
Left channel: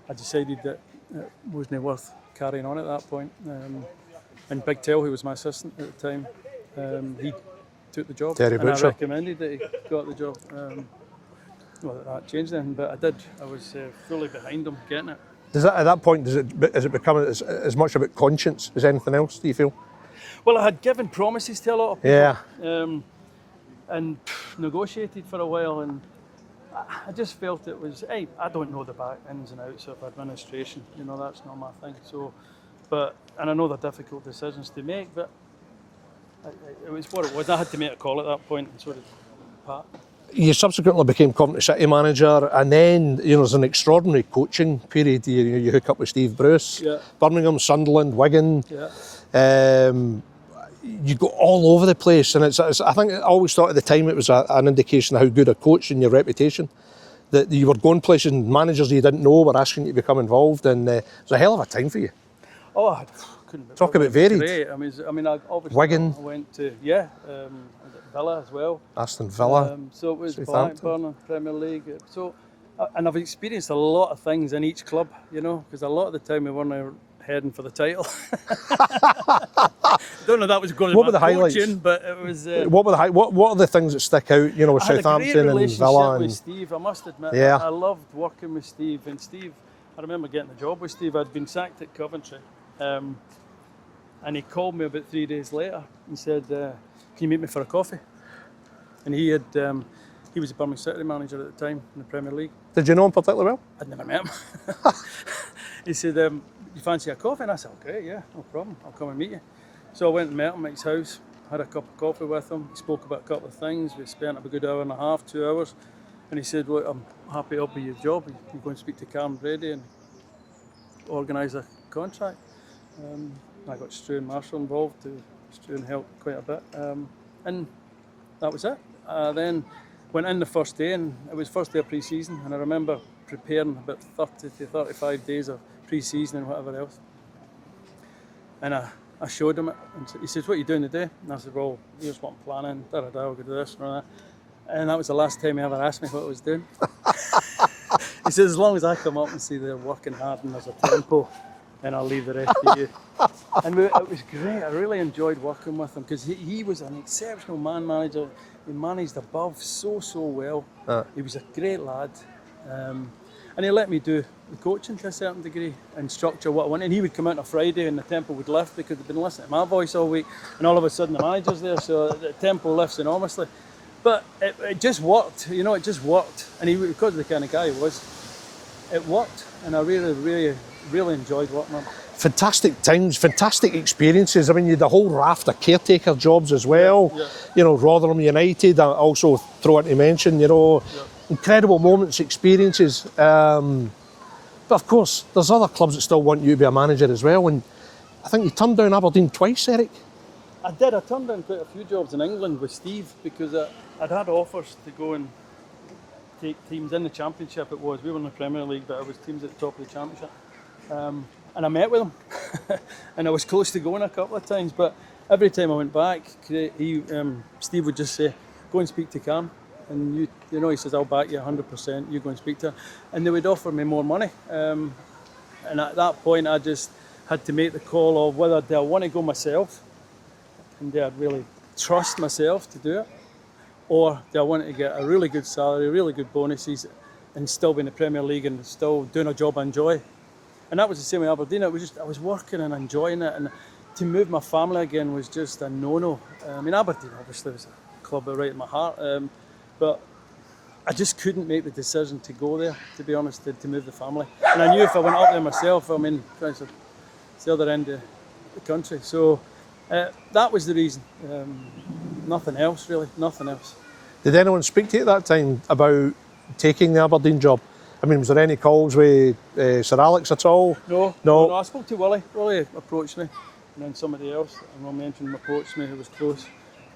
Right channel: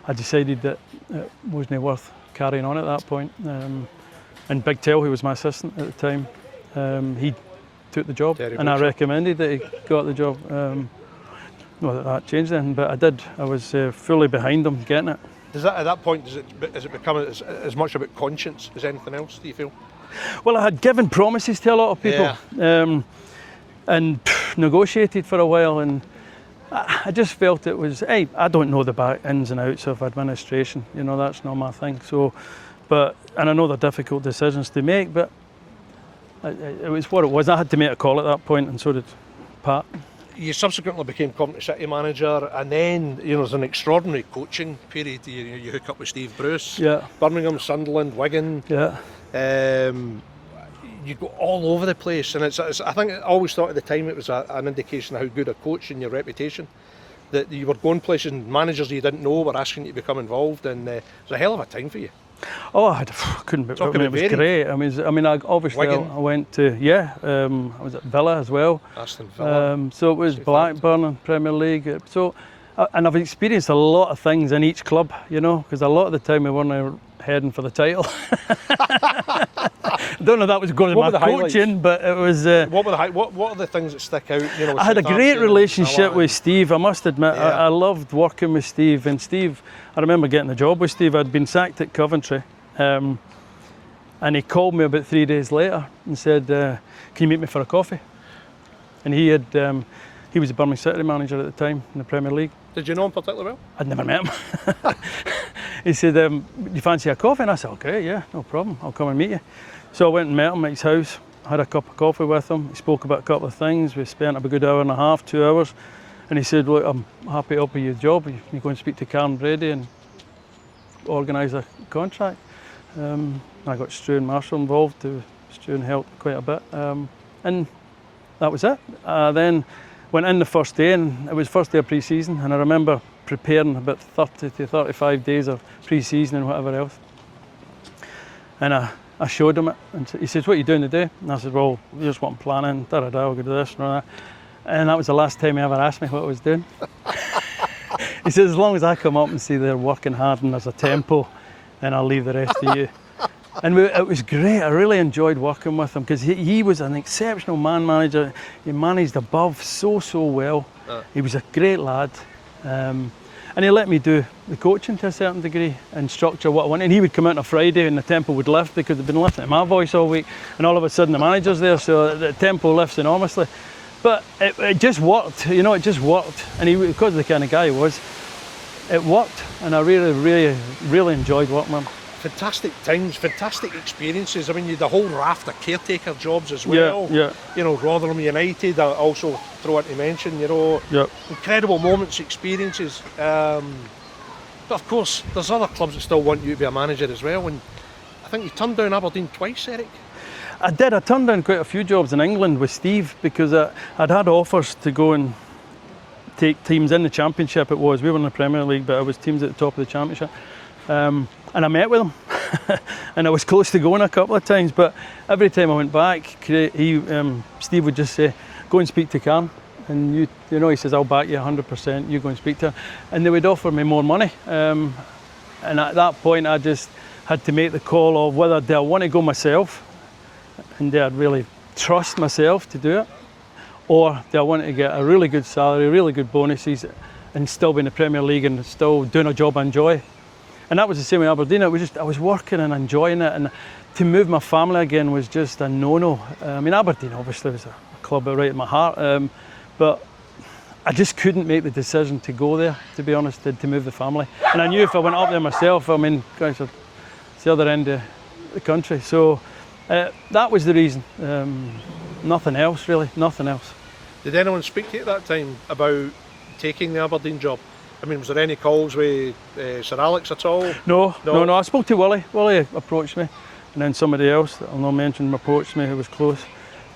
I decided that it wasn't worth carrying on at that point. And Big Tell, who was my assistant at the time, he took the job, Terry and I Butcher. recommended that he got the job. Well, that changed then, but I did. I was fully behind him getting it. At that point, has it become as much about conscience as anything else, do you feel? Well, I had given promises to a lot of people, and negotiated for a while, and I just felt it was, hey, I don't know the back ins and outs of administration, you know, that's not my thing. So, and I know they're difficult decisions to make, but it was what it was. I had to make a call at that point, and so did Pat. You subsequently became Company City manager, and then there's an extraordinary coaching period. You hook up with Steve Bruce, Birmingham, Sunderland, Wigan. You go all over the place, and I think I always thought at the time it was an indication of how good a coach and your reputation, that you were going places and managers you didn't know were asking you to become involved, and it was a hell of a time for you. Oh, I couldn't be. Talking it about was varied. great. I mean, obviously Wigan. I went to I was at Villa as well. Aston Villa. So it was Blackburn and Premier League. So, and I've experienced a lot of things in each club, you know, because a lot of the time we weren't heading for the title. I don't know if that was going to my coaching, but it was. What are the things that stick out? You know, I had a great relationship with Steve. I must admit, Yeah. I loved working with Steve. And Steve, I remember getting the job with Steve. I'd been sacked at Coventry, and he called me about 3 days later and said, "Can you meet me for a coffee?" And he was the Birmingham City manager at the time in the Premier League. Did you know him particularly well? I'd never met him. He said, "Do you fancy a coffee?" And I said, "Okay, yeah, no problem. I'll come and meet you." So I went and met him at his house, had a cup of coffee with him. He spoke about a couple of things. We spent a good hour and a half, 2 hours. And he said, "Look, I'm happy to offer you the job. You go and speak to Karen Brady and organise a contract." I got Stu and Marshall involved. Stu helped quite a bit. And that was it. Then went in the first day, and it was first day of pre-season, and I remember preparing about 30 to 35 days of pre-season and whatever else. And I showed him it, and he says, "What are you doing today?" And I said, "Well, here's what I'm planning, I'll go to this and all that." And that was the last time he ever asked me what I was doing. He said, "As long as I come up and see they're working hard and there's a tempo, then I'll leave the rest to you." And it was great. I really enjoyed working with him because he was an exceptional man manager. He managed above so well. He was a great lad. And he let me do the coaching to a certain degree and structure what I wanted. And he would come out on a Friday and the tempo would lift because they'd been listening to my voice all week. And all of a sudden the manager's there, so the tempo lifts enormously. But it just worked, you know, it just worked. And because of the kind of guy he was, it worked. And I really enjoyed working with him. Fantastic times, fantastic experiences. I mean, you had the whole raft of caretaker jobs as well. Yeah. You know, Rotherham United, I also throw it to mention, you know, incredible moments, experiences. But of course, there's other clubs that still want you to be a manager as well. And I think you turned down Aberdeen twice, Eric. I did. I turned down quite a few jobs in England with Steve because I'd had offers to go and take teams in the Championship. We were in the Premier League, but it was teams at the top of the Championship. And I met with him, and I was close to going a couple of times. But every time I went back, Steve would just say, "Go and speak to Karen," and you know, he says, "I'll back you 100%. You go and speak to her," and they would offer me more money. And at that point, I just had to make the call of whether do I want to go myself, and do I really trust myself to do it, or do I want to get a really good salary, really good bonuses, and still be in the Premier League and still doing a job I enjoy. And that was the same with Aberdeen. It was just, I was working and enjoying it, and to move my family again was just a no-no. I mean, Aberdeen obviously was a club right in my heart, but I just couldn't make the decision to go there, to be honest, to move the family. And I knew if I went up there myself, I mean, it's the other end of the country. So that was the reason. Nothing else, really, nothing else. Did anyone speak to you at that time about taking the Aberdeen job? I mean, was there any calls with Sir Alex at all? No. I spoke to Willie. Willie approached me, and then somebody else that I'll not mention approached me who was close.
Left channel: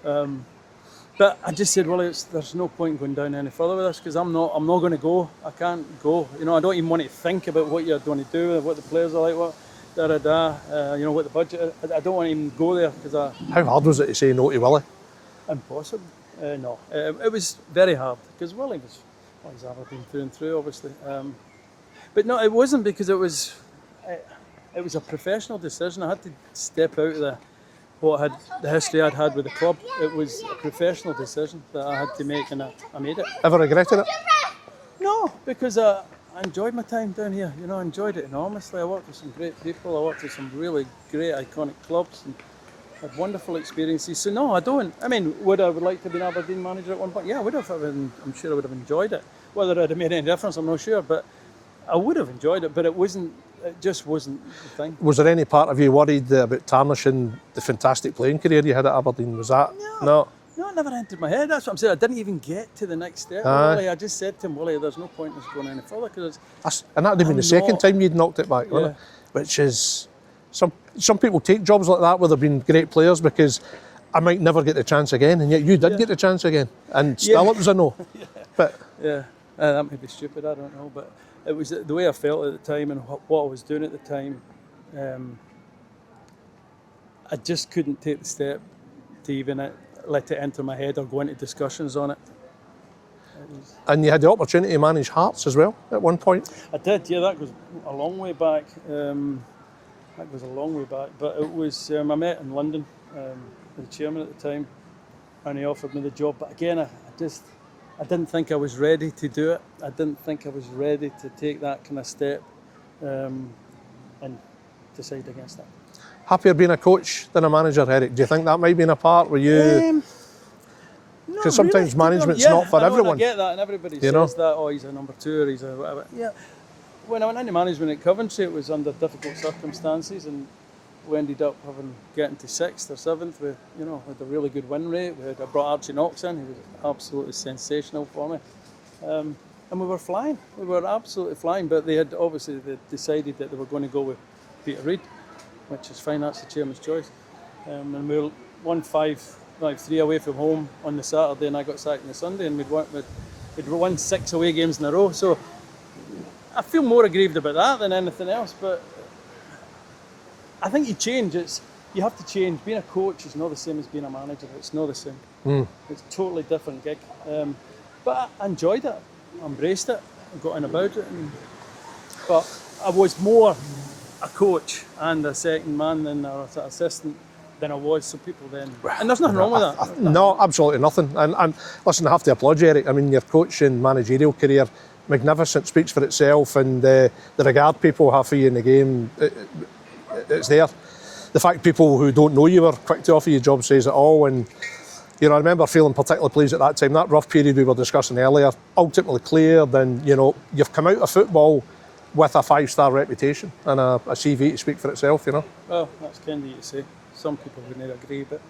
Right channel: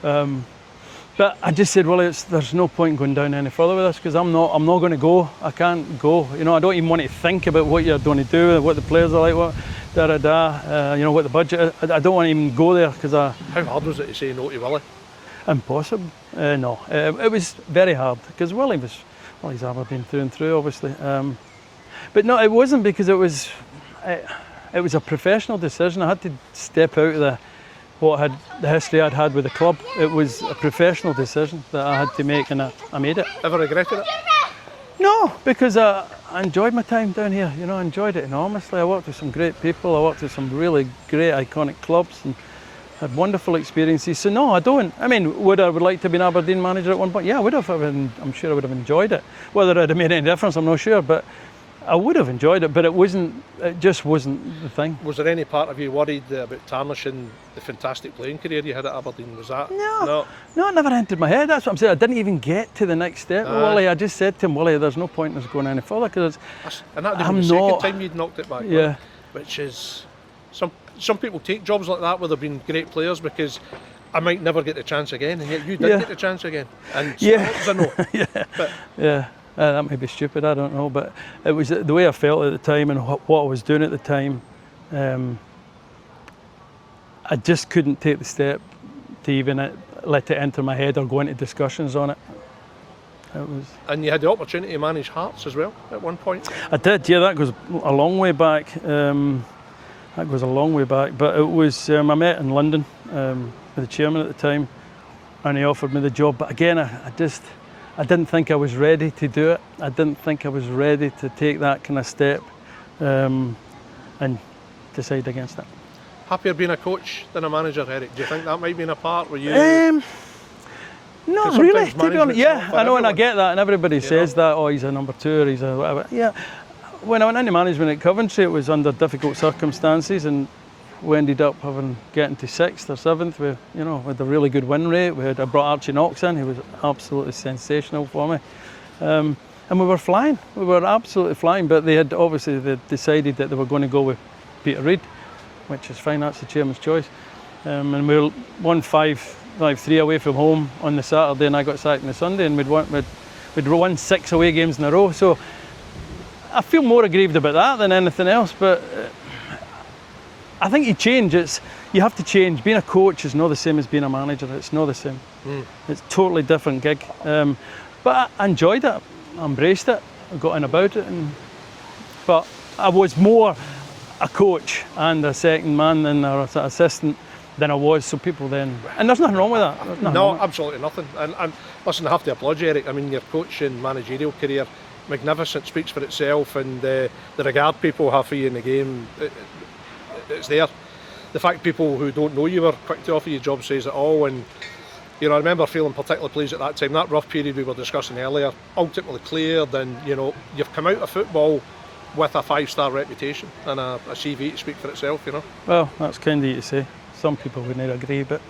But I just said, Willie, there's no point in going down any further with this because I'm not going to go. I can't go. You know, I don't even want to think about what you're going to do, what the players are like, you know, what the budget is. I don't want to even go there because How hard was it to say no to Willie? Impossible. No, it was very hard because Willie well, he's Aberdeen through and through, obviously. But no, it wasn't, because it was a professional decision. I had to step out of the history I'd had with the club. It was a professional decision that I had to make, and I made it. Ever regretted it? No, because I enjoyed my time down here. You know, I enjoyed it enormously. I worked with some great people. I worked with some really great, iconic clubs, and had wonderful experiences. So no, I don't. I mean, would I like to have been Aberdeen manager at one point? Yeah, I would have. I'm sure I would have enjoyed it. Whether I'd have made any difference, I'm not sure. But I would have enjoyed it, but it just wasn't the thing. Was there any part of you worried about tarnishing the fantastic playing career you had at Aberdeen? Was that? No, it never entered my head. That's what I'm saying. I didn't even get to the next step with Willie. I just said to him, Willie, there's no point in us going any further, because and that would have been the second time you'd knocked it back. Yeah. Which is, some people take jobs like that where they've been great players because I might never get the chance again, and yet you did get the chance again, and still it was a no. That may be stupid, I don't know, but it was the way I felt at the time and what I was doing at the time. I just couldn't take the step to even let it enter my head or go into discussions on it. And you had the opportunity to manage Hearts as well at one point? I did, yeah, that goes a long way back. But it was, I met in London with the chairman at the time, and he offered me the job. But again, I didn't think I was ready to do it. I didn't think I was ready to take that kind of step, and decide against that. Happier being a coach than a manager, Eric? Do you think that might be in a part where you... Not sometimes really, management's not for I know, everyone. And I get that, and everybody says that, oh, he's a number two, or he's a whatever. Yeah, when I went into management at Coventry, it was under difficult circumstances, and we ended up getting to 6th or 7th with a really good win rate. I brought Archie Knox in, he was absolutely sensational for me. And we were flying, we were absolutely flying, but they decided that they were going to go with Peter Reid, which is fine, that's the chairman's choice. And we won 5-3 away from home on the Saturday, and I got sacked on the Sunday, and we'd won 6 away games in a row. So I feel more aggrieved about that than anything else, but I think you have to change. Being a coach is not the same as being a manager. It's not the same. It's a totally different gig. But I enjoyed it. I embraced it. I got in about it. But I was more a coach and a second man and an assistant than I was. So people then... And there's nothing wrong with that. No, absolutely nothing. And listen, I have to applaud you, Eric. I mean, your coaching managerial career, magnificent, speaks for itself, and the regard people have for you in the game, it's there. The fact people who don't know you were quick to offer you a job says it all. And I remember feeling particularly pleased at that time. That rough period we were discussing earlier, ultimately cleared, and you've come out of football with a 5-star reputation and a CV to speak for itself. Well, that's kind of you to say. Some people wouldn't agree, but